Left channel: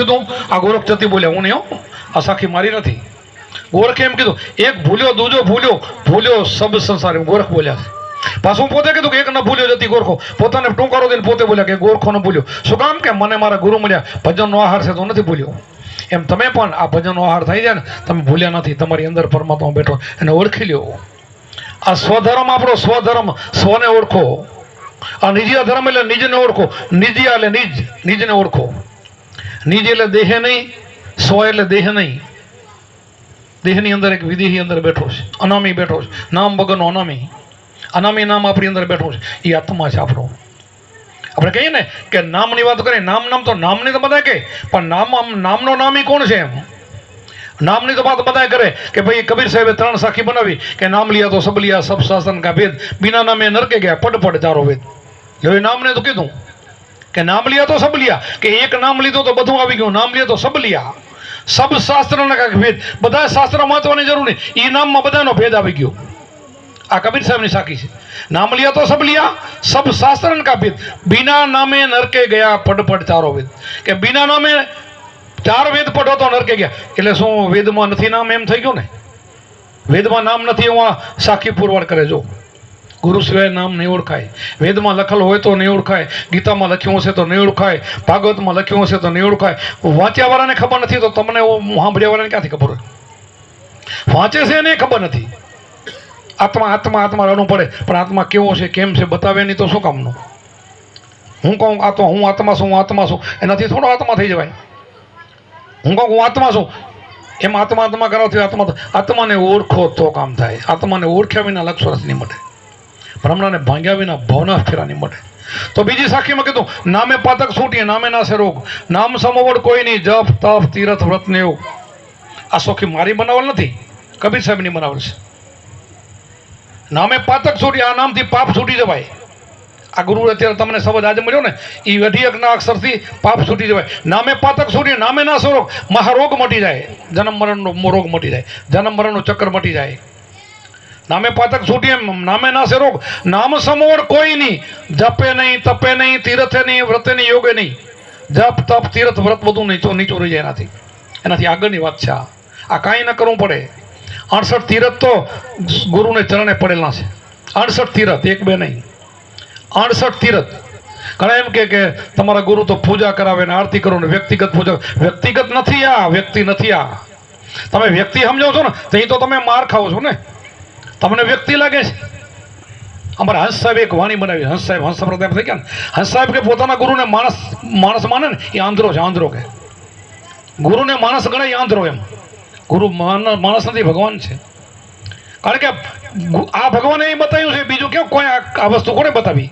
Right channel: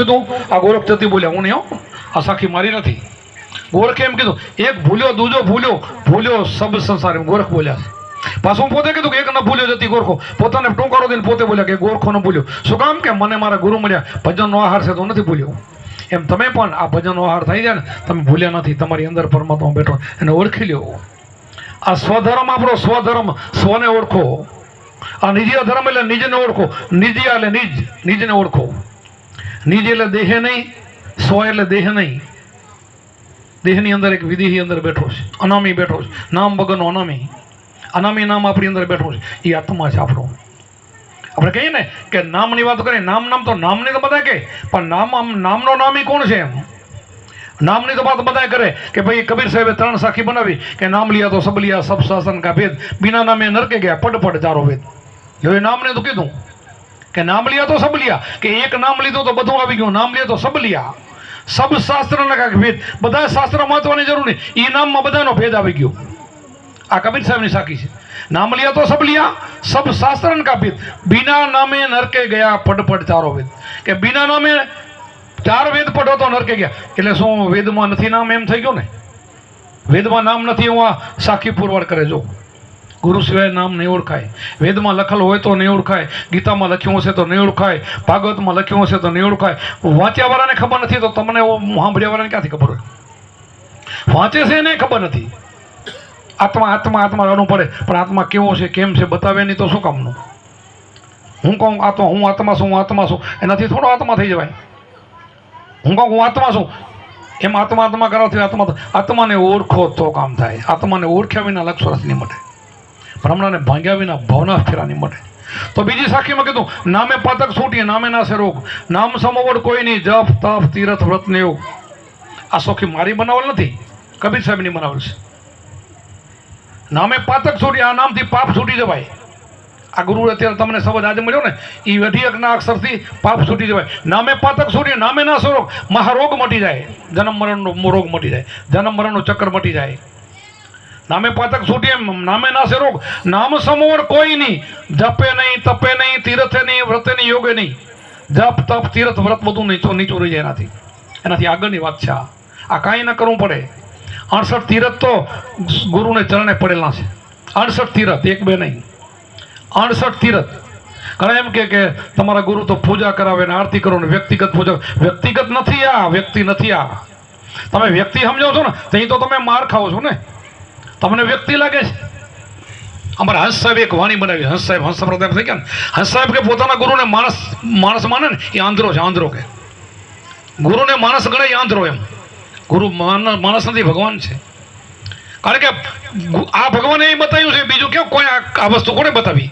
કીધું આ ગોરખ જતી બોલ્યા હું નહીં હો, આ સાખી મારી નથી. ગોરખે એમ કીધું એક ભૂલ્યો દૂજો ભૂલ્યો, ભૂલ્યો સબ સંસાર, એમ ગોરખ બોલ્યા છે. પાછું પોતે કીધું કે એક ન ભૂલ્યો જતી ગોરખો, પોતાને ટૂંકારો દઈને પોતે બોલ્યા કે ગોરખો ન ભૂલ્યો. શું કામ કે મને મારા ગુરુ મળ્યા, ભજનનો આહાર છે તો નથી ભૂલ્યો. એમ તમે પણ આ ભજનનો આહાર થઈ જાય ને, તમે ભૂલ્યા નથી, તમારી અંદર પરમાત્મા બેઠો એને ઓળખી લ્યો. આ સ્વધર્મ આપણો સ્વધર્મ, સ્વને ઓળખો. આ નિજીય ધર્મ એટલે નિજને ઓળખો, નિજીય એટલે નિજ, નિજને ઓળખો. નિજ એટલે દેહ નહીં, સ્વ એટલે દેહ નહીં. દેહની અંદર એક વિદેહી અંદર બેઠો છે, અનામી બેઠો છે, નામ વગરનો અનામી. અનામી નામ આપણી અંદર બેઠો છે, એ આત્મા છે આપણો. આપણે કહીએ ને કે નામની વાત કરીએ, નામ તો નામની તો બધા કહે, પણ નામનો નામી કોણ છે? એમ નામની તો વાત બધા કરે કે ભાઈ કબીર સાહેબે 3 સાખી બનાવી કે નામ લિયા તો સબ લિયા, સબ શાસન કા ભેદ, બિના નામે નરકે ગયા, પડ ચારો વેદ. એ નામને તો કીધું કે નામ લિયા તો સબ લિયા, કે એક નામ લીધું તો બધું આવી ગયું. નામ લિયા તો સબ લિયા, સબ શાસ્ત્રના કા ભેદ, બધા શાસ્ત્ર મહત્વની જરૂર નહીં, એ નામમાં બધાનો ભેદ આવી ગયો. આ કબીર સાહેબની સાખી છે. નામ લિયા તો સબ લિયા, સબ શાસ્ત્ર કા ભેદ, બિના નામે નરકે ગયા, પડ ચારો વેદ. કે બિના નામે 4 વેદ પઢો તો નરકે ગયા. એટલે શું વેદમાં નથી નામ? એમ થઈ ગયું ને, વેદમાં નામ નથી. હું આ સાખી પુરવાર કરે, જો ગુરુ સિવાય નામ નહીં ઓળખાય. વેદમાં લખેલું હોય તો નહીં ઓળખાય, ગીતામાં લખ્યું હશે તો નહીં ઓળખાય, ભાગવતમાં લખ્યું હશે તો નહીં ઓળખાય. વાંચ્યા વાળાને ખબર નથી તો તમને સાંભળ્યા વાળાને ક્યાંથી ખબર હોય? વાંચે છે એને ખબર નથી. આત્મા આત્મા આત્મા રડવું પડે, પણ આત્મા કેવો છે કેમ છે બતાવે નહીં તો શું કામનું? હું કહું આ તો હું આત્મા છું, હું આત્મા છું, એનાથી થોડો આત્મા થઈ જવાય. હું કહું હું આત્મા છું, એમ આત્મા કરાવથી આત્માને ઓળખો તો કામ થાય. આત્માને ઓળખ્યા વિના લક્ષરસ નહીં મળે, ભ્રમણાને ભાંગ્યા વિના ભવના ફેરા નહીં મળે. તો બીજી સાખીમાં કીધું નામે પાતક છૂટીએ, નામે નાશે રોગ, નામ સમોવડ કોઈ નહીં, જપ તપ તીરથ વ્રત ને યોગ. આ સોખી મારી બનાવેલ નથી, કબીર સાહેબની બનાવેલ છે. નામે પાતક છૂટી, આ નામથી પાપ છૂટી જવાય. આ ગુરુ અત્યારે તમને શબ્દ આજે મળ્યો ને, એ અઢીકના અક્ષરથી પાપ છૂટી જવાય. નામે પાતક છૂટી, નામે ના રોગ, મહારોગ મટી જાય, જન્મ મરણનો રોગ મટી જાય, જન્મ મરણનું ચક્કર મટી જાય. નામે પાતક છૂટી, એમ નામે ના રોગ, નામ સમોવડ કોઈ નહીં, જપે નહીં, તપે નહીં, તીરથે નહીં, વ્રતે નહીં, યોગે નહીં. જપ તપ તીરથ વ્રત બધું નીચું રહી જાય. એનાથી આગળની વાત છે. આ કાંઈ ન કરવું પડે. 68 તીરથ તો ગુરુને ચરણે પડેલા છે. 68 તીરથ, 1 2 નહીં, 68 તીરથ. ઘણા એમ કે તમારા ગુરુ તો પૂજા કરાવે ને આરતી કરો ને વ્યક્તિગત પૂજા. વ્યક્તિગત નથી આ, વ્યક્તિ નથી આ. તમે વ્યક્તિ સમજો છો ને તો તમે માર ખાઓ છો ને, તમને વ્યક્તિ લાગે છે. અમારા હંસ સાહેબ એક વાણી બનાવી, હંસ સાહેબ હંસ પ્રતાપ થઈ ગયા ને, હંસ સાહેબ કે પોતાના ગુરુને માણસ માને ને એ આંધળો છે. આંધળો કે ગુરુને માણસ ગણે, આંધળો. એમ ગુરુ માણસ નથી, ભગવાન છે. કારણ કે આ ભગવાને એ બતાવ્યું છે, બીજું કેવું કોઈ આ વસ્તુ કોને બતાવી?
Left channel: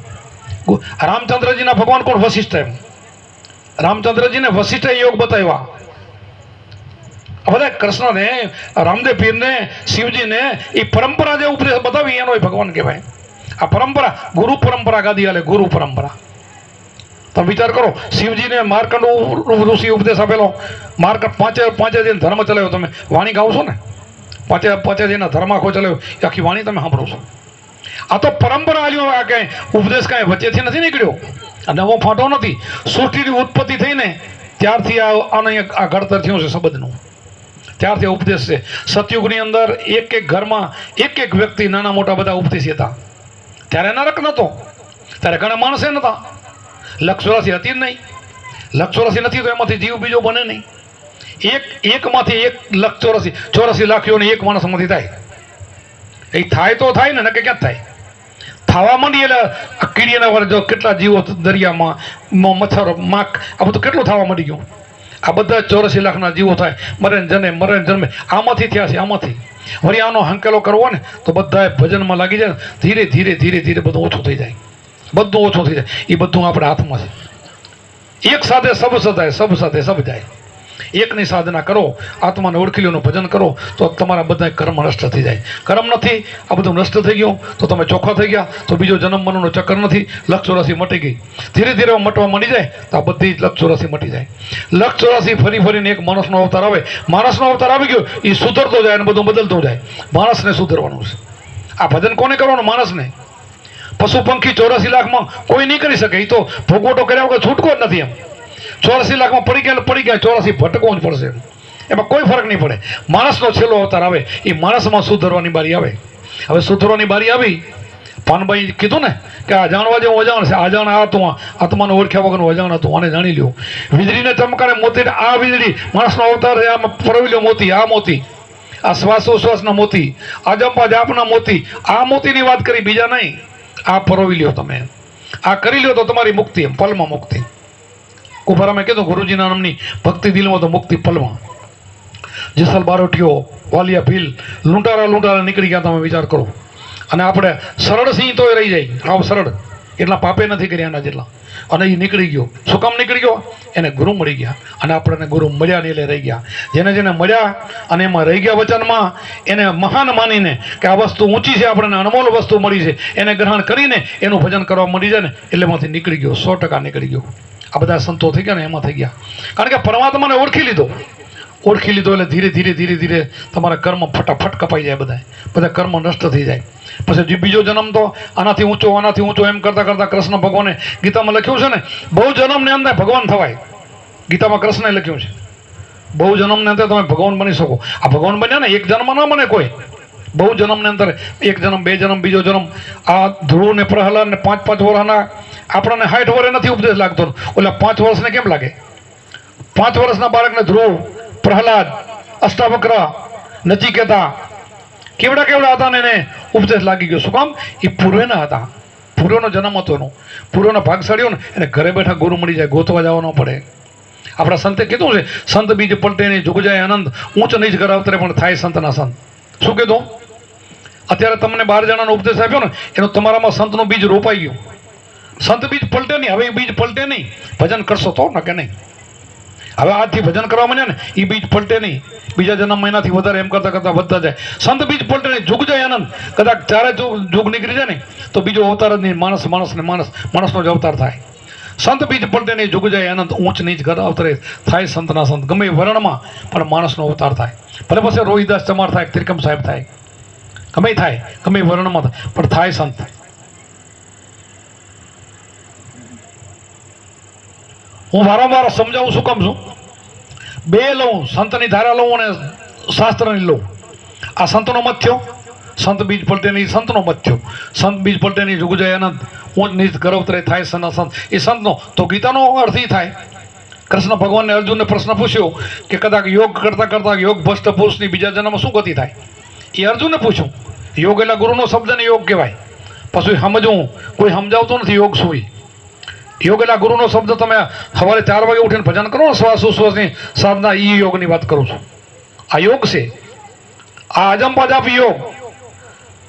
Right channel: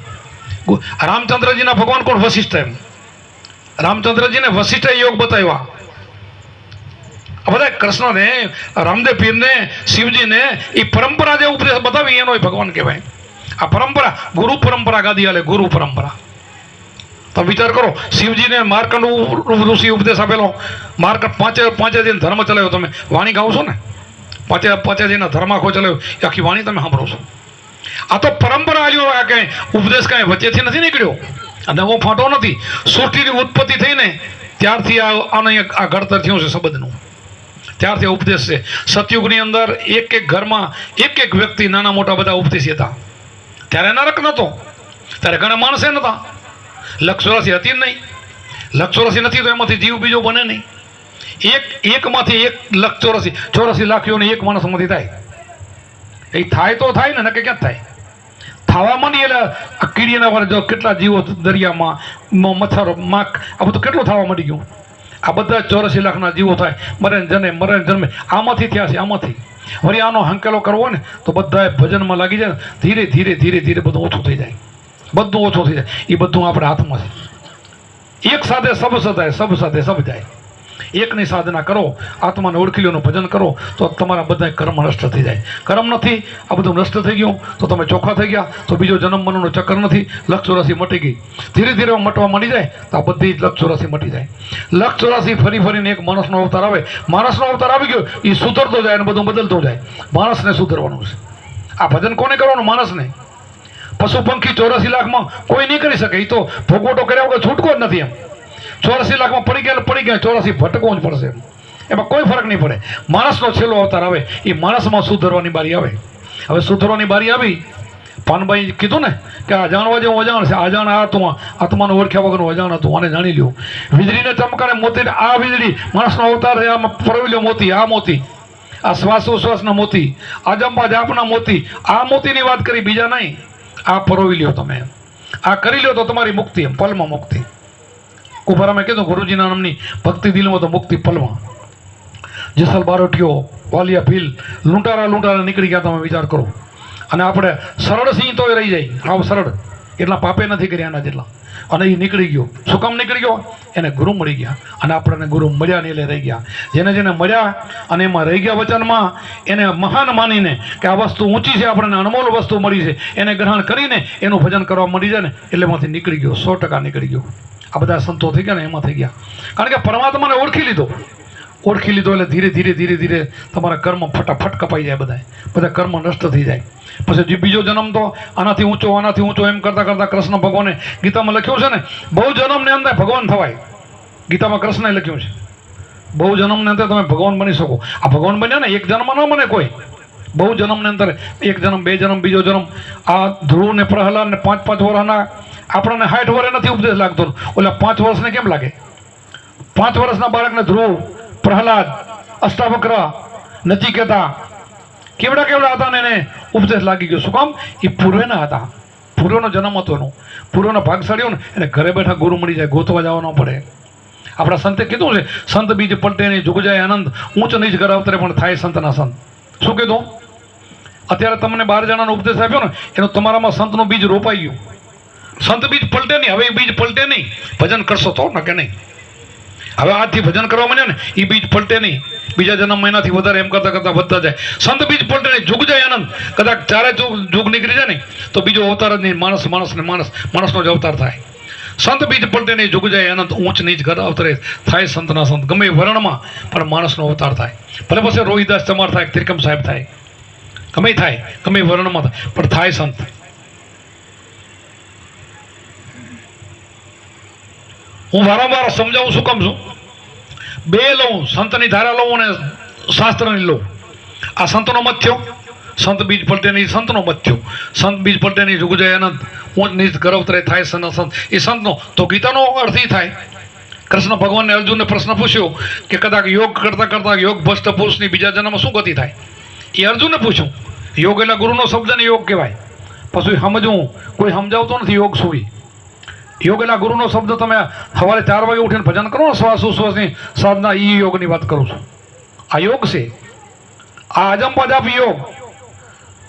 રામચંદ્રજીના ભગવાન કોણ? વશિષ્ઠ. એમ રામચંદ્રજીને વશિષ્ઠ યોગ બતાવ્યા. બધા કૃષ્ણને, રામદેવ પીરને, શિવજીને એ પરંપરા જે ઉપદેશ બતાવી એનો ભગવાન કહેવાય. આ પરંપરા ગુરુ પરંપરા ગાદી હાલે, ગુરુ પરંપરા. તો વિચાર કરો, શિવજીને માર્કંડ ઋષિ ઉપદેશ આપેલો. માર્કંડ પાંચે દિન ધર્મ ચલાવ્યો. તમે વાણી ગાઓ છો ને, પાંચે દિનના ધર્મ આખો ચલાવ્યો, એ આખી વાણી તમે સાંભળો છો. આ તો પરંપરા આવ્યો. આ કાંઈ ઉપદેશ કાંઈ વચ્ચેથી નથી નીકળ્યો, આ નવો ફાંટો નથી. સૃષ્ટિની ઉત્પત્તિ થઈને ત્યારથી આ ઘડતર થયું છે શબ્દનું, ત્યારથી ઉપદેશ છે. સતયુગની અંદર એક ઘરમાં એક વ્યક્તિ, નાના મોટા બધા ઉપદેશી હતા. ત્યારે નરક નહોતો, ત્યારે ઘણા માણસે નહોતા. લક્ષોરાશી હતી જ નહીં. લક્ષોરાશી નથી તો એમાંથી જીવ બીજો બને નહીં. એકમાંથી 1 લાખ 84 લાખ યોની એક માણસમાંથી થાય. એ થાય તો થાય ને, કે ક્યાં થાય? થવા માંડી એટલે કીડીના વાર જો કેટલા જીવો દરિયામાં, મચ્છર, માખ, આ બધું કેટલું થવા માંડી ગયું. આ બધા 84 લાખના જીવો થાય, મરે જન્મે આમાંથી થયા છે. આમાંથી વળી આનો હંકેલો કરવો ને તો બધા ભજનમાં લાગી જાય. ધીરે ધીરે બધું ઓછું થઈ જાય, બધું ઓછું થઈ જાય. એ બધું આપણા હાથમાં છે. એક સાથે સબ સદાય, સબ સાથે સબ જાય. એકની સાધના કરો, આત્માને ઓળખી લો, ભજન કરો તો તમારા બધા કર્મ નષ્ટ થઈ જાય. કર્મ નથી, આ બધું નષ્ટ થઈ ગયું તો તમે ચોખ્ખા થઈ ગયા. તો બીજો જન્મ મરણનો ચક્કર નથી. લક્ષ 84 મટી ગઈ. ધીરે ધીરે મટવા માંડી જાય તો આ બધી લક્ષ 84 મટી જાય. લક્ષ 84 ફરીને એક માણસનો અવતાર આવે. માણસનો અવતાર આવી ગયો, એ સુધરતો જાય અને બધું બદલતો જાય. માણસને સુધરવાનું છે. આ ભજન કોને કરવાનું? માણસને. પશુ પંખી 84 લાખમાં કોઈ નહીં કરી શકે. એ તો ભોગવટો કર્યા વગર છૂટકો જ નથી. એમ 84 લાખમાં પડી ગયા એટલે પડી ગયા, 84 ભટકવું જ પડશે. એમાં કોઈ ફરક નહીં પડે. માણસનો છેલ્લો અવતાર આવે એ માણસમાં સુધરવાની બારી આવે. હવે સુધરવાની બારી આવી. પાનભાઈ કીધું ને કે આ જાણવા જેવું અજાણ છે. અજાણ આ તું આત્માને ઓળખ્યા વગરનું અજાણ હતું, આને જાણી લ્યો. વીજળીને ચમકારે મોતી, આ વીજળી માણસનો અવતાર છે. આમાં પરવેલ્યો મોતી, આ મોતી, આ શ્વાસોશ્વાસના મોતી, આ જંપા જાપના મોતી, આ મોતીની વાત કરી, બીજા નહીં. આ પરોવી લ્યો તમે, આ કરી લ્યો તો તમારી મુક્તિ, એમ પલમાં મુક્તિ. કુંભારામે કીધું ગુરુજીના નામની ભક્તિ દિલમાં તો મુક્તિ પલમાં. જેસલ બારોટિયો, વાલિયા ભીલ, લૂંટારા નીકળી ગયા. તમે વિચાર કરો. અને આપણે સરળ સિંહ તોય રહી જાય, આવ સરળ, એટલા પાપે નથી કર્યા એના જેટલા. અને એ નીકળી ગયો. શું કામ નીકળી ગયો? એને ગુરુ મળી ગયા. અને આપણને ગુરુ મળ્યા ને એટલે રહી ગયા. જેને જેને મળ્યા અને એમાં રહી ગયા વચનમાં, એને મહાન માનીને કે આ વસ્તુ ઊંચી છે, આપણને અનમોલ વસ્તુ મળી છે, એને ગ્રહણ કરીને એનું ભજન કરવા મળી જાય ને એટલે એમાંથી નીકળી ગયો. 100% નીકળી ગયો. આ બધા સંતો થઈ ગયા ને એમાં થઈ ગયા. કારણ કે પરમાત્માને ઓળખી લીધો એટલે ધીરે ધીરે તમારા કર્મ ફટાફટ કપાઈ જાય. બધા કર્મ નષ્ટ થઈ જાય. પછી બીજો જન્મ તો આનાથી ઊંચો એમ કરતા કૃષ્ણ ભગવાને ગીતામાં લખ્યું છે ને, બહુ જન્મને અંદર ભગવાન થવાય. ગીતામાં કૃષ્ણે લખ્યું છે બહુ જન્મને અંદર તમે ભગવાન બની શકો. આ ભગવાન બન્યા ને એક જન્મ ના બને કોઈ. બહુ જન્મને અંદર એક જન્મ, બે જન્મ, બીજો જન્મ. આ ધ્રુવ ને પ્રહલાદ ને 5-5 વર્ષના આપણને 60 વર્ષે નથી ઉપદેશ લાગતો. ઓલા 5 વર્ષને કેમ લાગે? 5 વર્ષના બાળકને ધ્રુવ, પ્રહલાદ, અષ્ટાવક્ર, નચિકેતા કેવડા હતા ને એને ઉપદેશ લાગી ગયો. શું કામ? એ પૂર્વેના હતા. પૂર્વનો જન્મ હતો એનો. પૂર્વનો ભાગશાળીઓ ને એને ઘરે બેઠા ગુરુ મળી જાય, ગોતવા જવા ન પડે. આપણા સંતે કીધું છે, સંત બીજ પલટે નહીં, જુગ જાય આનંદ, ઊંચ નીચ ઘર અવતરે પણ થાય સંતના સંત. શું કીધું? અત્યારે તમને 12 જણાનો ઉપદેશ આપ્યો ને, એનો તમારામાં સંતનું બીજ રોપાઈ ગયું. સંત બીજ પલટે નહીં. હવે એ બીજ પલટે નહીં. ભજન કરશો તો ન કે નહીં. હવે આજથી ભજન કરવા માંડ્યા ને એ બીજ પલટે નહીં. બીજા જન્મ મહિનાથી વધારે એમ કરતા વધતા જાય. સંત બીજ પલટે નહીં, જુગ જાય આનંદ. કદાચ 4 જુગ નીકળી જાય ને તો બીજો અવતાર જ નહીં. માણસનો જ અવતાર થાય. સંત બીજ પલટે નહીં, જુગ જાય આનંદ, ઊંચ નીચ ઘર અવતરે થાય સંતના સંત. ગમે વર્ણમાં પણ માણસનો અવતાર થાય. ભલે પછી રોહિદાસ ચમાર થાય, ત્રિકમ સાહેબ થાય, ગમે થાય, ગમે વર્ણમાં થાય, પણ થાય સંત. હું વારંવાર સમજાવું શું કામ છું? 2 લઉં, સંતની ધારા લઉં અને શાસ્ત્રની લઉં. આ સંતનો મત થયો. સંત બીજ પલટે નહીં, સંતનો મત થયો. સંત બીજ પલટે નહીં, જુગ જાય આનંદ, ઊંચ નીચ ગરવતરે થાય સના સંત. એ સંતનો તો ગીતાનો અર્થ એ થાય. કૃષ્ણ ભગવાનને અર્જુનને પ્રશ્ન પૂછ્યો કે કદાચ યોગ કરતા યોગ ભ્રષ્ટ પુરુષની બીજા જન્મમાં શું ગતિ થાય? એ અર્જુનને પૂછ્યું. યોગ એટલે ગુરુનો શબ્દ ને યોગ કહેવાય. પછી સમજવું, કોઈ સમજાવતો નથી યોગ શું. યોગ એટલે ગુરુનો શબ્દ. તમે સવારે 4 વાગે ઉઠીને ભજન કરો, શ્વાસોશ્વાસની સાધના, એ યોગની વાત કરું છું. આ યોગ છે. આ અજંપા જાપ યોગ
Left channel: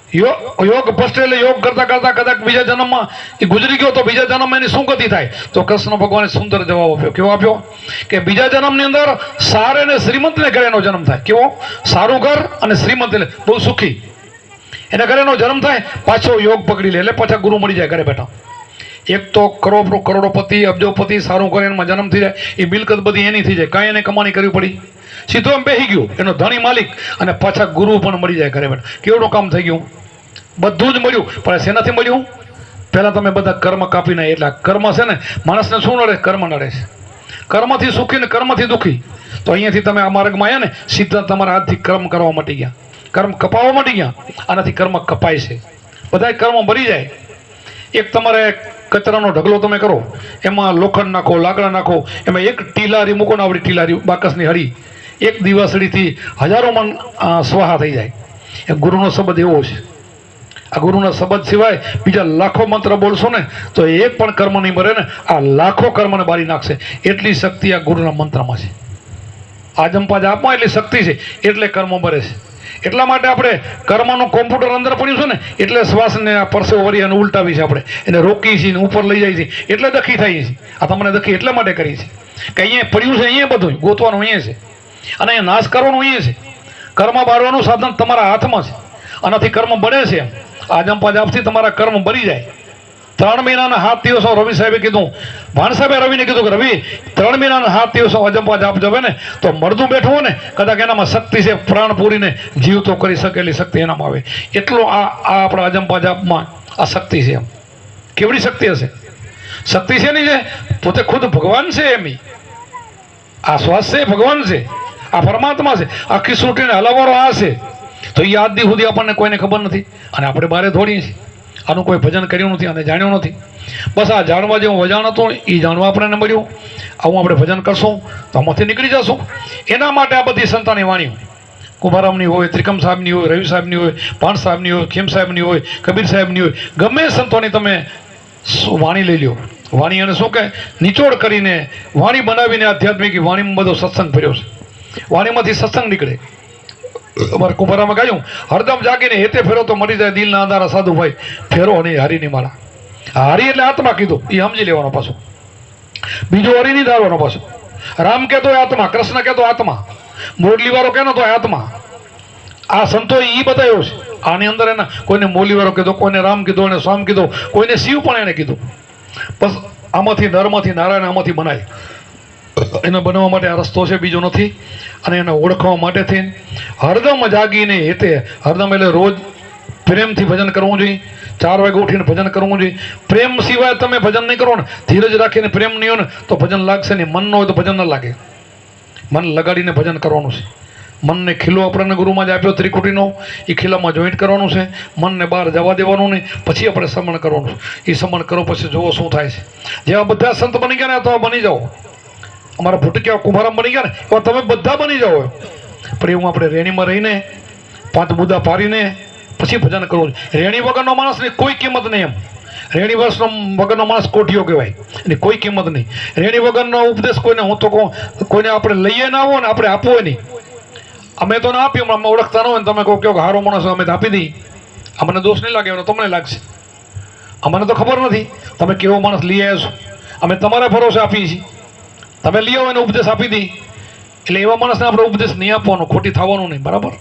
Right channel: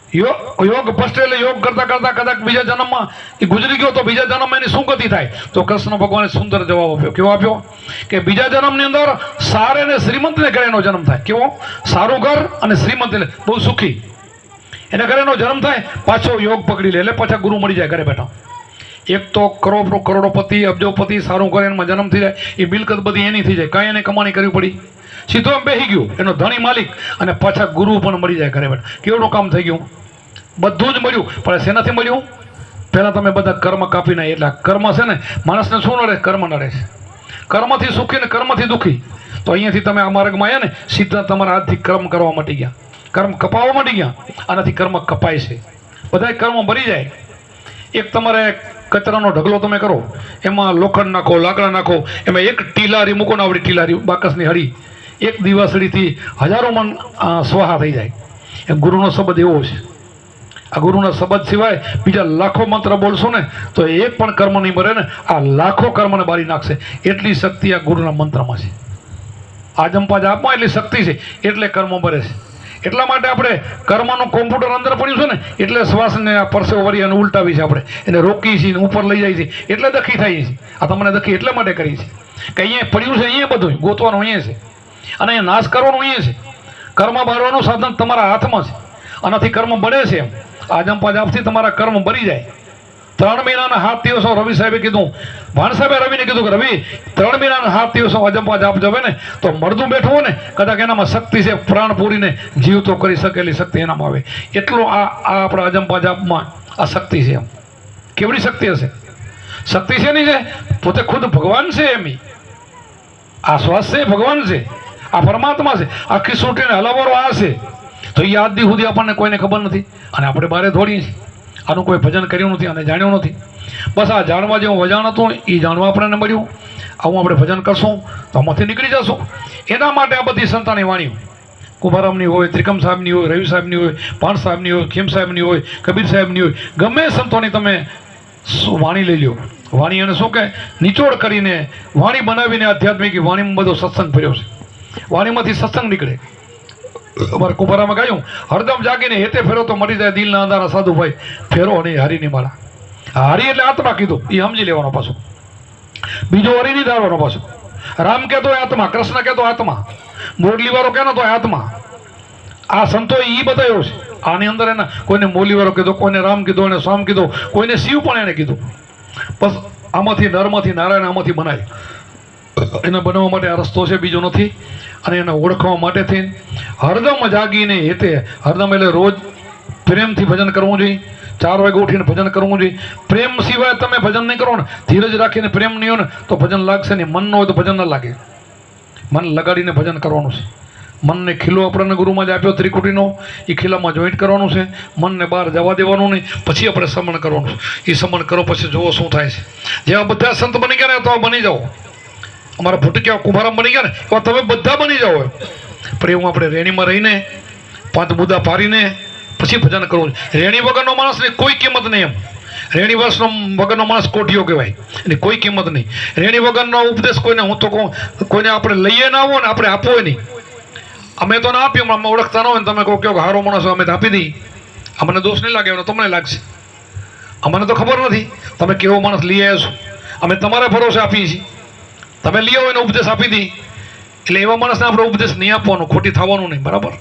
ભ્રષ્ટ એટલે યોગ કરતા કદાચ બીજા જન્મમાં એ ગુજરી ગયો તો બીજા જન્મમાં એની શું ગતિ થાય? તો કૃષ્ણ ભગવાને સુંદર જવાબ આપ્યો. કેવો આપ્યો? કે બીજા જન્મની અંદર સારે અને શ્રીમંતને ઘરે એનો જન્મ થાય. કેવો? સારું ઘર અને શ્રીમંત એટલે બહુ સુખી. એના ઘરે એનો જન્મ થાય, પાછો યોગ પકડી લે એટલે પાછા ગુરુ મળી જાય ઘરે બેઠા. એક તો કરોડોપતિ, અબજોપતિ, સારું કરે એમાં જન્મ થઈ જાય. એ મિલકત બધી એની થઈ જાય, કાંઈ એને કમાણી કરવી પડી. સીધો એમ બેસી ગયો, એનો ધણી માલિક, અને પાછા ગુરુ પણ મળી જાય ઘરે બેઠા. કેવડું કામ થઈ ગયું? બધું જ મળ્યું. પણ શેનાથી મળ્યું? પહેલાં તમે બધા કર્મ કાપી નાખી. એટલે કર્મ છે ને, માણસને શું નડે? કર્મ નડે છે. કર્મથી સુખી ને કર્મથી દુઃખી. તો અહીંયાથી તમે આ માર્ગમાં આવ્યા ને, સીધા તમારા હાથથી કર્મ કરવા મટી ગયા, કર્મ કપાવવા મટી ગયા. આનાથી કર્મ કપાય છે. બધા કર્મ ભરી જાય. એક તમારે કચરાનો ઢગલો તમે કરો, એમાં લોખંડ નાખો, લાકડા નાખો, એમાં એક ટીલારી મૂકો ને, આવડી ટીલારી બાકસની હળી, એક દિવાસળીથી હજારો મણ સ્વાહા થઈ જાય. એ ગુરુનો શબ્દ એવો છે. આ ગુરુના શબ્દ સિવાય બીજા લાખો મંત્ર બોલશો ને તો એક પણ કર્મ નહીં મરે ને. આ લાખો કર્મને બારી નાખશે. એટલી શક્તિ આ ગુરુના મંત્રમાં છે. આ જંપા જાપમાં એટલી શક્તિ છે, એટલે કર્મ મરે છે. એટલા માટે આપણે કર્મનું કોમ્પ્યુટર અંદર પડ્યું છે ને, એટલે શ્વાસને આ પરસેવો વળી અને ઉલટાવી છે. આપણે એને રોકીએ છીએ, ઉપર લઈ જાય છે, એટલે દખી થાય છે. આ તમને દખી એટલા માટે કરી છે કે અહીંયા પડ્યું છે, અહીંયા બધું ગોતવાનું અહીંયા છે, અને અહીંયા નાશ કરવાનું અહીંયા છે. કર્મ બાળવાનું સાધન તમારા હાથમાં છે. આનાથી કર્મ બળે છે. એમ આ જંપા જાપથી તમારા કર્મ બળી જાય. 3 મહિનાના 7 દિવસો રવિ સાહેબે કીધું, ભાણ સાહેબે રવિને કીધું કે રવિ 3 મહિનાના 7 દિવસો અજંપા જાપ જવે ને તો મળદું બેઠું હોય ને, કદાચ એનામાં શક્તિ છે, પ્રાણ પૂરીને જીવ તો કરી શકેલી શક્તિ એનામાં આવે. એટલું આ આપણા અજંપા જાપમાં આ શક્તિ છે. એમ કેવડી શક્તિ હશે? શક્તિ છે નહીં છે, પોતે ખુદ ભગવાન છે. એમ આ શ્વાસ છે ભગવાન છે, આ પરમાત્મા છે, આખી સૃષ્ટિને હલાવવાનો આ છે. તો એ આજ દી સુધી આપણને કોઈને ખબર નથી અને આપણે બારે દોડીએ છીએ. આનું કોઈ ભજન કર્યું નથી અને જાણ્યું નથી. બસ આ જાણવા જેવું વજાણ હતું એ જાણવા આપણને મળ્યું. આવું આપણે ભજન કરશું તો આમાંથી નીકળી જશું. એના માટે આ બધી સંતાની વાણીઓ કુમારામની હોય, ત્રિકમ સાહેબની હોય, રવિ સાહેબની હોય, પાણ સાહેબની હોય, ખેમ સાહેબની હોય, કબીર સાહેબની હોય, ગમે સંતોની તમે વાણી લઈ લો. વાણી અને શું કે નિચોડ કરીને વાણી બનાવીને આધ્યાત્મિક વાણીમાં બધો સત્સંગ ફર્યો છે. વાણીમાંથી સત્સંગ નીકળે. અમારે કુંભારામાં ગાયું, હરદમ જાગીને હેતે ફેરો તો મરી જાય દિલના અંધારા સાધુભાઈ, ફેરો નહીં હારીની માળા. હારી એટલે આત્મા કીધું એ સમજી લેવાનો પાછો, બીજો હરી નહીં ધારવાનો પાછો. રામ કહેતો આત્મા, કૃષ્ણ કહેતો આત્મા, મોરલી વાળો કેનો તો આત્મા. આ સંતો એ બતાવ્યો છે. આની અંદર એના કોઈને મોરલી વાળો કીધો, કોઈને રામ કીધો, અને સ્વામ કીધો, કોઈને શિવ પણ એને કીધું. બસ આમાંથી નરમાંથી નારાયણ આમાંથી બનાય. એને બનાવવા માટે આ રસ્તો છે, બીજો નથી. અને એને ઓળખવા માટે થઈને હરદમ જાગીને હેતે, હરદમ એટલે રોજ પ્રેમથી ભજન કરવું જોઈએ. 4 વાગે ઉઠીને ભજન કરવું જોઈએ. પ્રેમ સિવાય તમે ભજન નહીં કરો ને, ધીરજ રાખીને પ્રેમ નહીં હોય ને તો ભજન લાગશે નહીં. મન ન હોય તો ભજન ન લાગે. મન લગાડીને ભજન કરવાનું છે. મનને ખીલો આપણને ગુરુમાં જ આપ્યો ત્રિકુટીનો, એ ખીલામાં જોઈન્ટ કરવાનું છે. મનને બહાર જવા દેવાનું નહીં. પછી આપણે સમણ કરવાનું છે. એ સમણ કરો પછી જુઓ શું થાય છે. જેવા બધા સંત બની ગયા ને તો બની જાઓ. અમારા ભૂટકિયા કુંભારામ બની ગયા ને એવા તમે બધા બની જાઓ. પણ એવું આપણે રેણીમાં રહીને 5 બુદ્ધા પાડીને પછી ભજન કરવું. રેણી વગરનો માણસની કોઈ કિંમત નહીં. એમ રેણી વગરનો માણસ કોઠિયો કહેવાય, એની કોઈ કિંમત નહીં. રેણી વગરનો ઉપદેશ કોઈને, હું તો કહું, કોઈને આપણે લઈએ ના આવો ને આપણે આપવો નહીં. અમે તો ના આપીએ, અમે ઓળખતા ન હોય ને તમે કહો કે હારો માણસ અમે તો આપી દઈએ. અમને દોષ નહીં લાગે, તમને લાગશે. અમને તો ખબર નથી તમે કેવો માણસ લઈ આવ્યા છો. અમે તમારા ભરોસે આપીએ છીએ. તમે લઈ આવો એને ઉપદેશ આપી દઈએ. એટલે એવા માણસને આપણે ઉપદેશ નહીં આપવાનો, ખોટી થવાનું નહીં. બરાબર?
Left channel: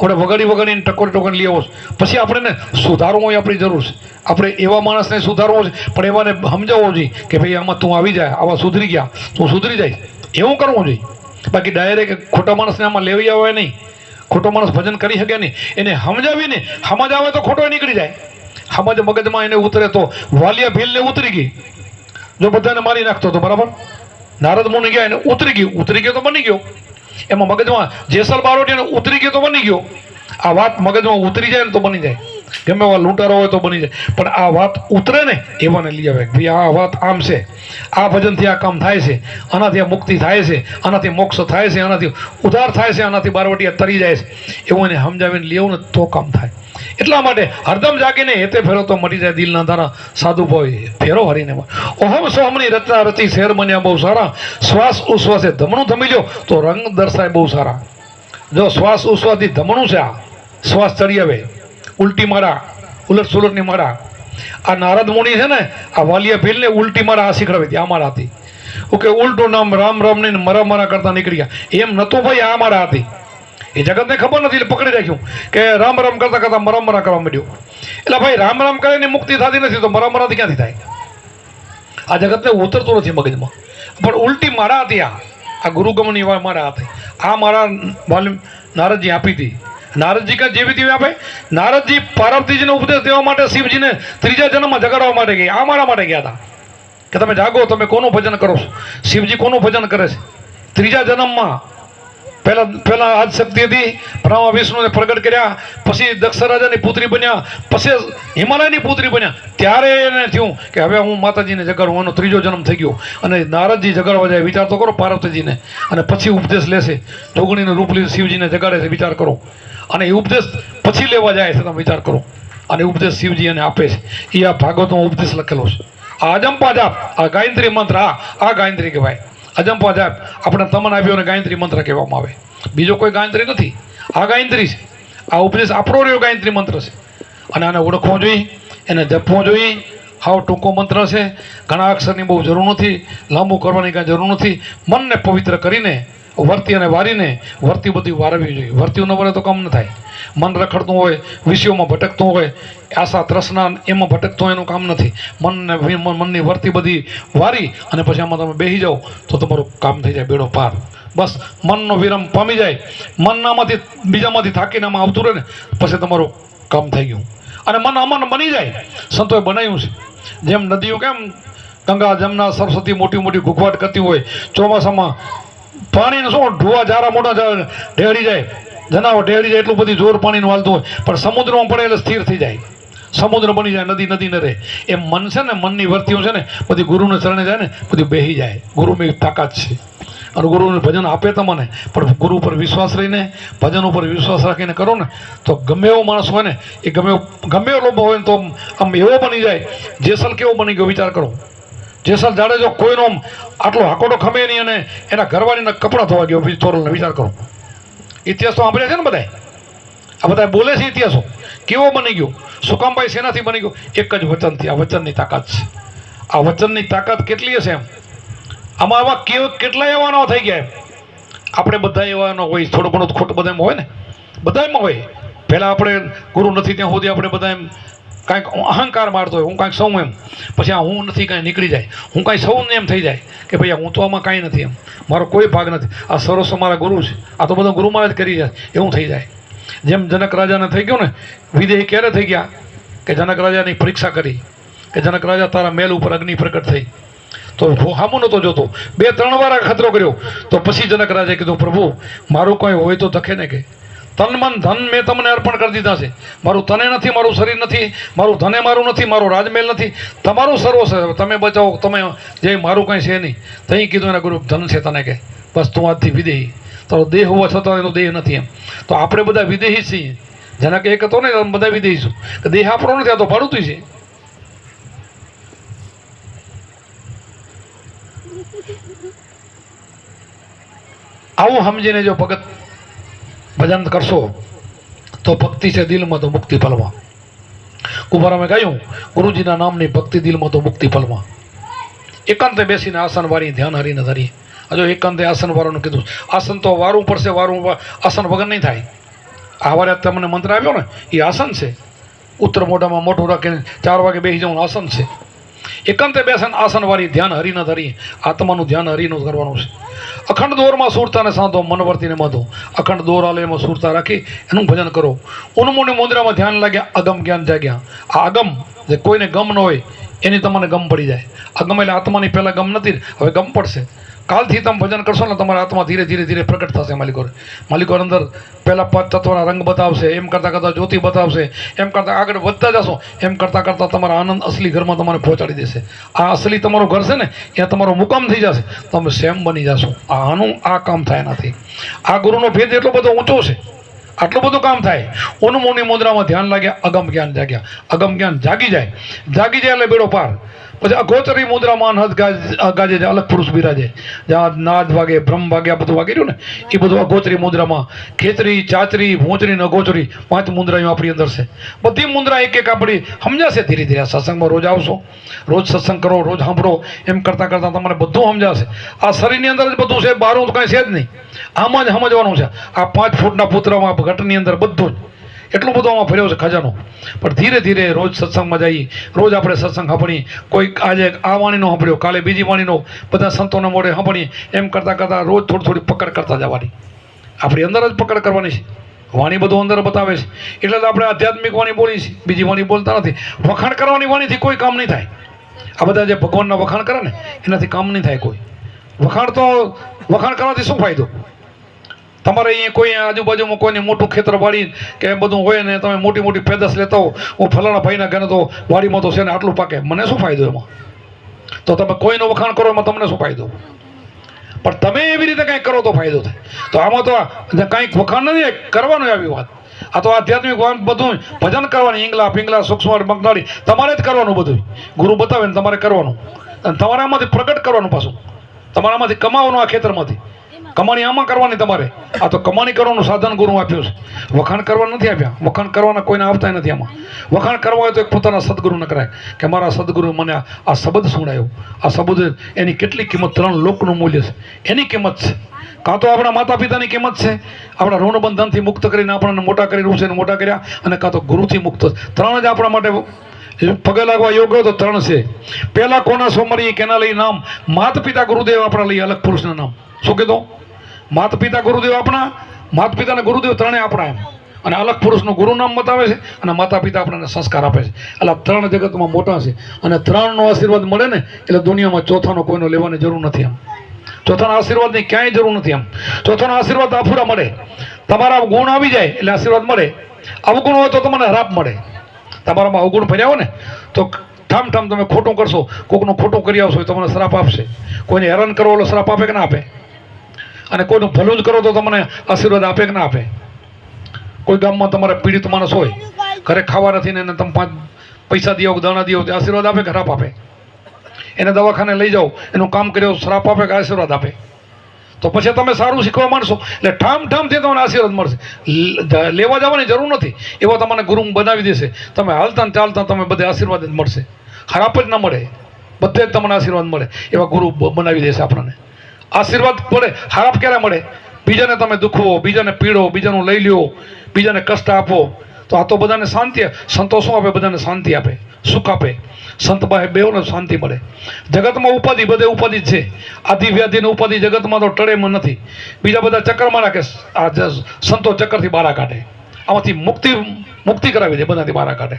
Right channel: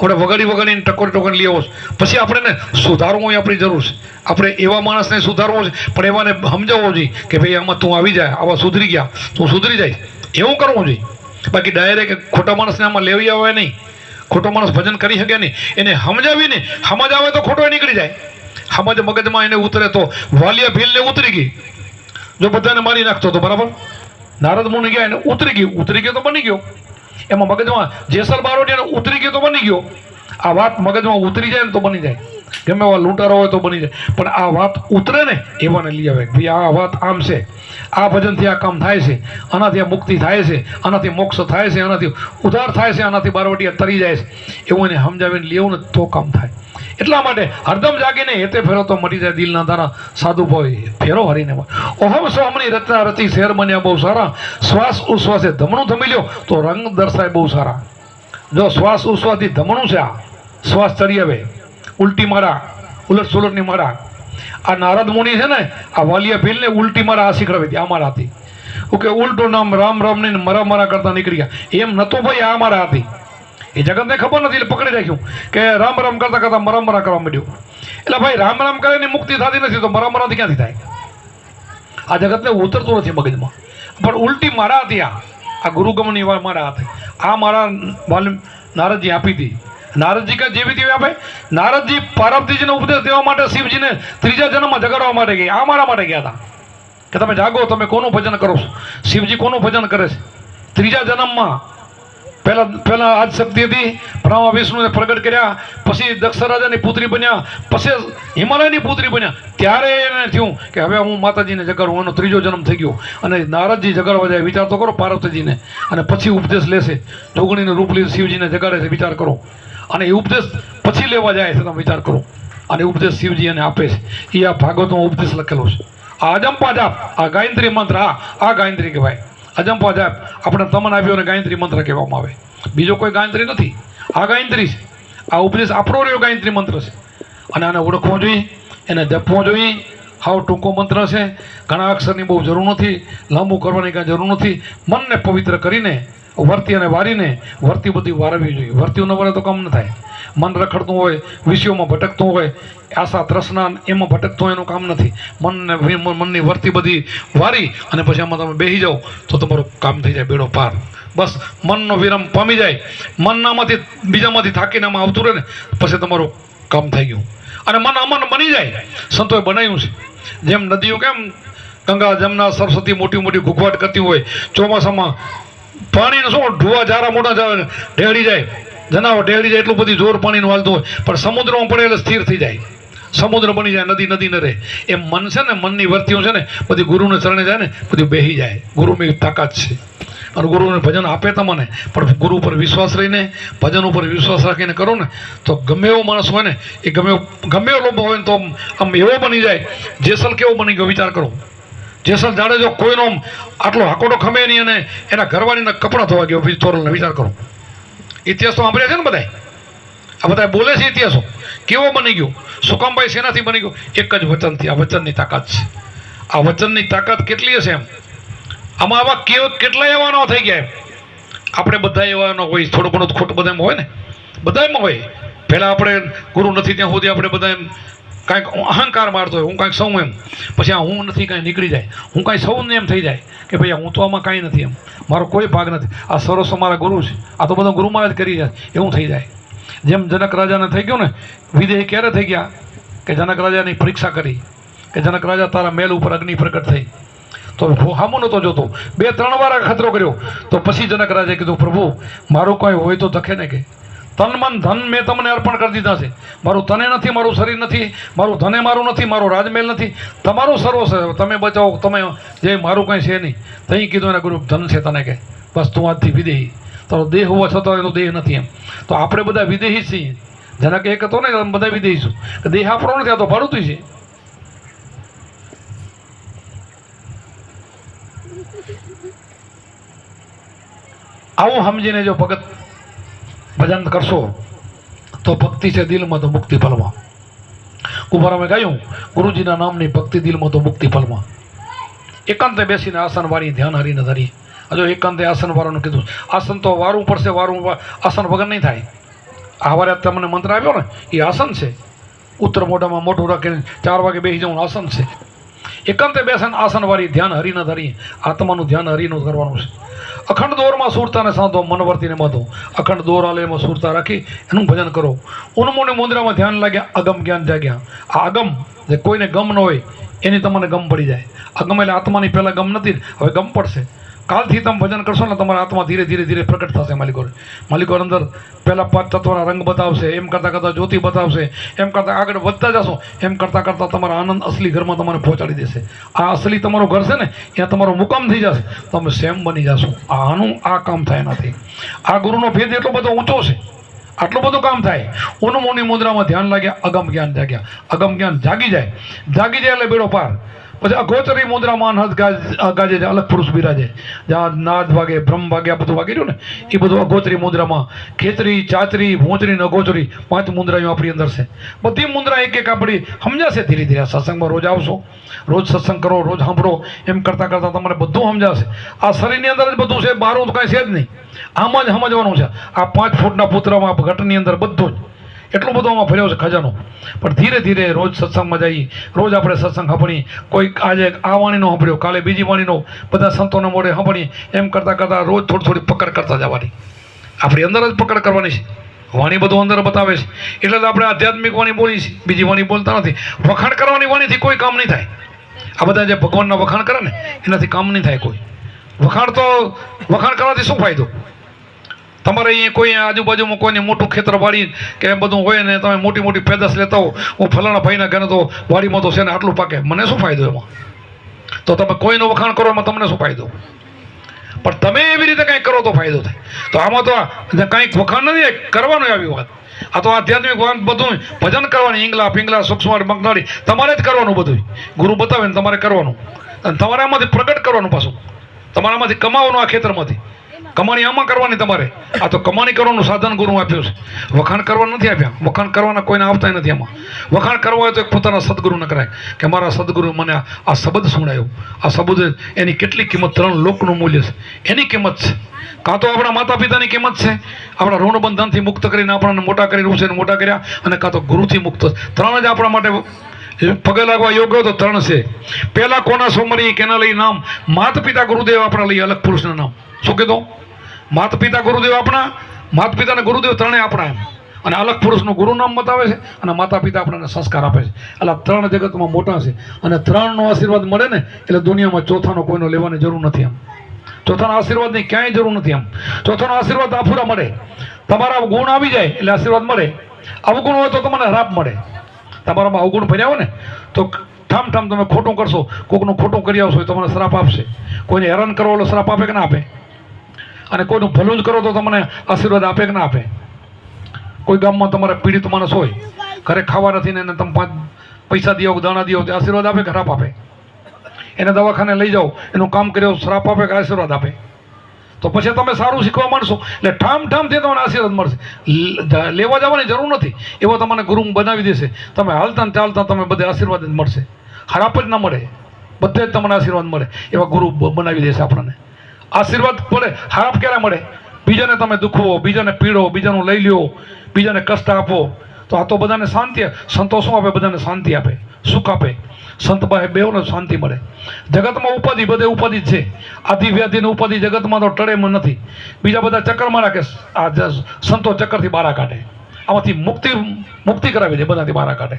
આપણે વગાડીને ટકોરી લઈ આવો. પછી આપણે સુધારવું હોય આપણી જરૂર છે. આપણે એવા માણસને સુધારવો છે, પણ એવાને સમજાવવો જોઈએ કે ભાઈ આમાં તું આવી જાય, આવા સુધરી ગયા તું સુધરી જાય, એવું કરવું જોઈએ. બાકી ડાયરેક્ટ ખોટા માણસને આમાં લેવી આવે નહીં. ખોટો માણસ ભજન કરી શકે નહીં. એને સમજાવીને સમજ આવે તો ખોટો નીકળી જાય. સમજ મગજમાં એને ઉતરે તો વાલિયા ભીલને ઉતરી ગઈ. જો બધાને મારી નાખતો હતો, બરાબર, નારદ મુનિ ગયા એને ઉતરી ગયો તો બની ગયો. એમાં મગજમાં જેસલ બારોટિયાને ઉતરી ગયો તો બની ગયો. આ વાત મગજમાં ઉતરી જાય ને તો બની જાય. ગમે એવા લૂંટારો હોય તો બની જાય. પણ આ વાત ઉતરે ને એવાને લઈ આવે. ભાઈ આ વાત આમ છે, આ ભજનથી આ કામ થાય છે, આનાથી આ મુક્તિ થાય છે, આનાથી મોક્ષ થાય છે, આનાથી ઉદ્ધાર થાય છે, આનાથી બારવટિયા તરી જાય છે, એવું એને સમજાવીને લેવું ને તો કામ થાય. એટલા માટે હરદમ જાગીને હેતે ફેરો તો મટી જાય દિલના ધારા સાધુ ભાઈ, ફેરો હરીને. ઓહમ સોહમની રચના રચી શેર બન્યા બહુ સારા, શ્વાસ ઉશ્વાસે ધમણું થમી લ્યો તો રંગ દર્શાય બહુ સારા. જો શ્વાસ ઉશ્વાસથી ધમણું છે, આ શ્વાસ ચડી આવે, ઉલટી મારા, ઉલટ સુલટની મારા. આ નારદ મુનિ છે ને, આ વાલિયા ભીલને ઉલટી મારા આ શીખડાવી હતી. આ મારા હતી. ઓકે, ઉલટું નામ રામ રામ ને મરા કરતા નીકળી ગયા. એમ નતું ભાઈ, આ મારા હતી. એ જગતને ખબર નથી એટલે પકડી રાખ્યું કે રામ રામ કરતા કરતા મરા કરવા માંડ્યું. એટલે ભાઈ રામ રામ કરે ને મુક્તિ થતી નથી તો મરાથી ક્યાંથી થાય? આ જગતને ઉતરતું નથી મગજમાં. પણ ઉલટી મારા હતી. આ ગુરુગમની મારા હતી. આ મારા નારદજી આપી હતી. નારદજી કા જેવી તેવી આપે. નારદજી પાર્વતીજીને ઉપદેશ દેવા માટે શિવજીને 3જા જન્મમાં જગાડવા માટે ગયા. આ મારા માટે ગયા હતા કે તમે જાગો, તમે કોનું ભજન કરો છો? શિવજી કોનું ભજન કરે છે? 3જા જન્મમાં પહેલા આજ શક્તિ હતી, બ્રહ્મા વિષ્ણુને પ્રગટ કર્યા, પછી દક્ષ રાજાની પુત્રી બન્યા, પછી હિમાલયની પુત્રી બન્યા. ત્યારે એને થયું કે હવે હું માતાજીને જગાડું. એનો 3જો જન્મ થઈ ગયો. અને નારદજી જગાડવા જાય, વિચાર તો કરો પાર્વતીજીને. અને પછી ઉપદેશ લેશે, જોગણીનું રૂપ લઈ શિવજીને જગાડે છે, વિચાર કરો. અને એ ઉપદેશ પછી લેવા જાય છે, તમે વિચાર કરો. અને ઉપદેશ શિવજી એને આપે છે. એ આ ભાગવતમાં ઉપદેશ લખેલો છે. આ અજંપા જાપ, આ ગાયત્રી મંત્ર, આ ગાયત્રી કહેવાય. અજંપા જાપ આપણે તમને આપ્યો અને ગાયત્રી મંત્ર કહેવામાં આવે. બીજો કોઈ ગાયત્રી નથી, આ ગાયત્રી છે. આ ઉપદેશ આપણો રહ્યો ગાયત્રી મંત્ર છે. અને આને ઓળખવો જોઈએ, એને જપવો જોઈએ. હાવ ટૂંકો મંત્ર છે, ઘણા અક્ષરની બહુ જરૂર નથી, લાંબુ કરવાની કાંઈ જરૂર નથી. મનને પવિત્ર કરીને વર્તી અને વારીને વર્તી બધી વારવી જોઈએ. વર્તીઓ ન વરે તો કામ ન થાય. મન રખડતું હોય, વિષયોમાં ભટકતું હોય, આશા તૃષ્ણા એમાં ભટકતું હોય, એનું કામ નથી. મનની વર્તી બધી વારી અને પછી આમાં તમે બેસી જાઓ તો તમારું કામ થઈ જાય બેડો પાર. બસ મનનો વિરામ પામી જાય, મનનામાંથી બીજામાંથી થાકીને આમાં આવતું રહે ને પછી તમારું કામ થઈ ગયું. અને મન અમન બની જાય. સંતોએ બનાવ્યું છે. જેમ નદીઓ કેમ ગંગા જમના સરસ્વતી મોટી મોટી ઘૂઘવાટ કરતી હોય, ચોમાસામાં પાણીને શું ઢોવા જારા મોટા ઢેળી જાય, જનાવર ઢેળી જાય, એટલું બધી જોર પાણીનું હાલતું હોય, પણ સમુદ્રમાં પડે એટલે સ્થિર થઈ જાય, સમુદ્ર બની જાય, નદી નદી ન રહે. એમ મન છે ને, મનની વર્તીઓ છે ને બધી ગુરુને ચરણે જાય ને બધી બેહી જાય. ગુરુની તાકાત છે, અને ગુરુને ભજન આપે તમને, પણ ગુરુ ઉપર વિશ્વાસ રહીને, ભજન ઉપર વિશ્વાસ રાખીને કરો ને તો ગમે એવો માણસ હોય ને એ ગમે એવો લોભ હોય ને તો આમ એવો બની જાય. જેસલ કેવો બની ગયો વિચાર કરો. જેસલ જાડેજો કોઈનો આટલો હાકોડો ખમે નહીં અને એના ઘરવાળીના કપડાં ધોવા ગયો તોરલને. વિચાર કરો, ઇતિહાસ તો સાંભળ્યા છે ને બધાય, આ બધા બોલે છે ઇતિહાસો. કેવો બની ગયો? સુકામભાઈ શેનાથી બની ગયો? એક જ વચનથી. આ વચનની તાકાત છે. આ વચનની તાકાત કેટલી હશે એમ. આમાં આવા કેટલા એવાનો થઈ ગયા એમ. આપણે બધા એવાનો હોય, થોડો ઘણો ખોટ બધામાં હોય ને, બધામાં હોય. પહેલાં આપણે ગુરુ નથી ત્યાં સુધી આપણે બધા એમ કાંઈક અહંકાર મારતો હોય, હું કાંઈક સૌ એમ, પછી આ હું નથી કાંઈ નીકળી જાય, હું કાંઈ સૌને એમ થઈ જાય કે ભાઈ હું તો આમાં કાંઈ નથી એમ, મારો કોઈ ભાગ નથી, આ સરસ અમારા ગુરુ છે, આ તો બધા ગુરુ મહારાજ કરી જાય, એવું થઈ જાય. જેમ જનક રાજાને થઈ ગયો ને, વિદેહી ક્યારે થઈ ગયા કે જનક રાજાની પરીક્ષા કરી કે જનક રાજા તારા મેલ ઉપર અગ્નિ પ્રગટ થઈ, તો હામો નતો જોતો, 2-3 વાર ખતરો કર્યો, તો પછી જનક રાજાએ કીધું પ્રભુ મારું કોઈ હોય તો દખે ને, કે તન મન ધન મેં તમને અર્પણ કરી દીધા છે, મારું તને નથી, મારું શરીર નથી, મારું ધને મારું નથી, મારો રાજમહેલ નથી, તમારું સર્વ છે, તમે બચાવો, તમે જે મારું કંઈ છે નહીં. તઈ કીધું એના ગુરુ ધન છે તને, કે બસ તું આજથી વિદેહી, તારો દેહ હોવા છતાં એનો દેહ નથી એમ. તો આપણે બધા વિદેહી છીએ. જેના કે એક હતો ને બધા વિદેહી છું, કે દેહ આપણો નથી, આ તો ભાડું છે. આવું સમજીને જો ભગત ભજન કરશો તો ભક્તિ છે દિલમાં તો મુક્તિ ફલમાં. કુંભારામે કહ્યું ગુરુજીના નામની ભક્તિ દિલમાં તો મુક્તિ ફલમાં. એકાંતે બેસીને આસન વારી ધ્યાન હરીને ધરીએ. હજુ એકાંતે આસન વાળવાનું કીધું. આસન તો વારવું પડશે, આસન વગર નહીં થાય. આ વારે તમને મંત્ર આવ્યો ને એ આસન છે. ઉત્તર મોઢામાં મોઢું રાખીને 4 વાગે બેસી જવાનું આસન છે. એકાંતે બેસન આસન વાળી ધ્યાન હરીને ધરીએ. આત્માનું ધ્યાન હરીનું કરવાનું છે. અખંડ દોરમાં સુરતાને સાંધો, મન વર્તીને બાંધો. અખંડ દોર આલે એમાં સુરતા રાખી એનું ભજન કરો. ઉન્મોને મુદ્રામાં ધ્યાન લાગ્યા, અગમ જ્ઞાન જાગ્યા. આ અગમ જે કોઈને ગમ ન હોય એની તમને ગમ પડી જાય. અગમ એટલે આત્માની પહેલાં ગમ નથી, હવે ગમ પડશે. કાલથી તમે ભજન કરશો ને તમારા આત્મા ધીરે ધીરે ધીરે પ્રગટ થશે. માલિકો અંદર પહેલાં 5 તત્વના રંગ બતાવશે, એમ કરતાં કરતાં જ્યોતિ બતાવશે, એમ કરતાં આગળ વધતા જશો, એમ કરતાં કરતાં તમારા આનંદ અસલી ઘરમાં તમારે પહોંચાડી દેશે. આ અસલી તમારું ઘર છે ને ત્યાં તમારો મુકામ થઈ જશે, તમે સેમ બની જશો. આનું આ કામ થાય નથી. આ ગુરુનો ભેદ એટલો બધો ઊંચો છે, આટલું બધું કામ થાય. ઉન્મોની મુદ્રામાં ધ્યાન લાગ્યા, અગમ જ્ઞાન જાગ્યા. અગમ જ્ઞાન જાગી જાય, જાગી જાય એટલે બેડો પાર. પછી અગોચરી મુદ્રામાં અનહદ ગાજે, અલગ પુરુષ બિરાજે. જ્યાં નાદ વાગે, બ્રહ્મ વાગે, આ બધું વાગી રહ્યું ને એ બધું અગોચરી મુદ્રામાં. ખેતરી, ચાચરી, ભોંચરી ને અગોચરી 5 મુદ્રાઓ આપણી અંદર છે. બધી મુદ્રા એક એક આપણી સમજાશે ધીરે ધીરે. સત્સંગમાં રોજ આવશો, રોજ સત્સંગ કરો, રોજ સાંભળો, એમ કરતાં કરતાં તમારે બધું સમજાશે. આ શરીરની અંદર જ બધું છે, બહાર કાંઈ છે જ નહીં. આમાં જ સમજવાનું છે. આ 5 ફૂટના પુત્રમાં ઘટની અંદર બધું જ એટલું બધું આમાં ભર્યો છે ખજાનો. પણ ધીરે ધીરે રોજ સત્સંગમાં જઈએ, રોજ આપણે સત્સંગ સાંભળીએ. કોઈ આજે આ વાણીનો સાંભળ્યો, કાલે બીજી વાણીનો, બધા સંતોને મોઢે સાંભળીએ. એમ કરતાં કરતાં રોજ થોડી પકડ કરતા જવાની. આપણી અંદર જ પકડ કરવાની છે. વાણી બધું અંદર બતાવે છે એટલે આપણે આધ્યાત્મિક વાણી બોલીએ છીએ, બીજી વાણી બોલતા નથી. વખાણ કરવાની વાણીથી કોઈ કામ નહીં થાય. આ બધા જે ભગવાનના વખાણ કરે ને એનાથી કામ નહીં થાય કોઈ. વખાણ કરવાથી શું ફાયદો? તમારે અહીંયા કોઈ આજુબાજુમાં કોઈને મોટું ખેતર વાળી કે એમ બધું હોય ને તમે મોટી મોટી પેદાશ લેતા હો, હું ફલાણા ભાઈના ઘરે તો વાડીમાં તો છે ને આટલું પાકે, મને શું ફાયદો એમાં? તો તમે કોઈનું વખાણ કરો એમાં તમને શું ફાયદો? પણ તમે એવી રીતે કંઈક કરો તો ફાયદો થાય. તો આમાં તો કાંઈક વખાણ નથી કરવાનું આવી વાત. આ તો આધ્યાત્મિક બધું ભજન કરવાની, ઈંગલા પિંગલા સૂક્ષ્મ બંગાળી તમારે જ કરવાનું. બધું ગુરુ બતાવે ને તમારે કરવાનું, અને તમારે આમાંથી પ્રગટ કરવાનું. પાછું તમારામાંથી કમાવાનું. આ ખેતરમાંથી કમાણી આમાં કરવાની તમારે. આ તો કમાણી કરવાનું સાધન ગુરુ આપ્યું છે, વખાણ કરવાનું નથી આપ્યા. વખાણ કરવાના કોઈને આવતા નથી. આમાં વખાણ કરવા હોય તો એક પોતાના સદગુરુને કરાય કે મારા સદગુરુ મને આ શબ્દ સુણાયો. આ શબ્દ એની કેટલી કિંમત? 3 લોકનું મૂલ્ય છે, એની કિંમત છે. કાં તો આપણા માતા પિતાની કિંમત છે, આપણા ઋણબંધનથી મુક્ત કરીને આપણને મોટા કરી રૂસે મોટા કર્યા, અને કાં તો ગુરુથી મુક્ત. 3 જ આપણા માટે પગે લાગવા યોગ્ય તો 3 છે. પહેલા કોના સોમરી કેના લઈ નામ? માતા પિતા ગુરુદેવ આપણા લઈ અલગ પુરુષના નામ. શું કીધું? માતા પિતા ગુરુદેવ આપણા, માતા પિતાના ગુરુદેવ 3 આપણા એમ. અને અલગ પુરુષનું ગુરુ નામ બતાવે છે, અને માતા પિતા આપણને સંસ્કાર આપે છે. એટલે 3 જગતમાં મોટા છે, અને 3નો આશીર્વાદ મળે ને એટલે દુનિયામાં ચોથાનો કોઈનો લેવાની જરૂર નથી. એમ ચોથાના આશીર્વાદની ક્યાંય જરૂર નથી એમ. ચોથાનો આશીર્વાદ આફુરા મળે. તમારા ગુણ આવી જાય એટલે આશીર્વાદ મળે. અવગુણ હોય તો તમને હરાપ મળે. તમારામાં અવગુણ ભર્યા હોય ને તો ઠામ ઠામ તમે ખોટું કરશો, કોકનું ખોટું કરી આવશો તમને શ્રાપ આપશે. કોઈને હેરાન કરો એટલે શ્રાપ આપે કે ના આપે? અને કોઈનું ભલું જ કરો તો તમને આશીર્વાદ આપે કે ના આપે? કોઈ ગામમાં તમારે પીડિત માણસ હોય, ઘરે ખાવા નથી ને એને તમે 5 પૈસા દો કે દાણા દો, આશીર્વાદ આપે કે હરાપ આપે? એને દવાખાને લઈ જાઓ, એનું કામ કર્યો, શ્રાપ આપે કે આશીર્વાદ આપે? તો પછી તમે સારું શીખવા માંડશો એટલે ઠામ ઠામથી તમને આશીર્વાદ મળશે. લેવા જવાની જરૂર નથી, એવા તમને ગુરુ બનાવી દેશે. તમે હાલતા ને ચાલતા તમે બધે આશીર્વાદ જ મળશે, ખરાબ જ ના મળે, બધે જ તમને આશીર્વાદ મળે એવા ગુરુ બનાવી દેશે આપણને. આશીર્વાદ મળે, ખરાબ ક્યારે મળે? બીજાને તમે દુખવો, બીજાને પીડો, બીજાનું લઈ લ્યો, બીજાને કષ્ટ આપો. તો આ તો બધાને શાંતિ, સંતોષો આપે, બધાને શાંતિ આપે, સુખ આપે. સંત પાસે બેઉને શાંતિ મળે. જગતમાં ઉપાધિ, બધે ઉપાધિ જ છે. આધિ વ્યાધિ ને ઉપાધિ જગતમાં તો ટળેમાં નથી. બીજા બધા ચક્રમાં રાખે, આ સંતો ચક્કરથી બહાર કાઢે, આમાંથી મુક્તિ કરાવી દે, બધાથી બહાર કાઢે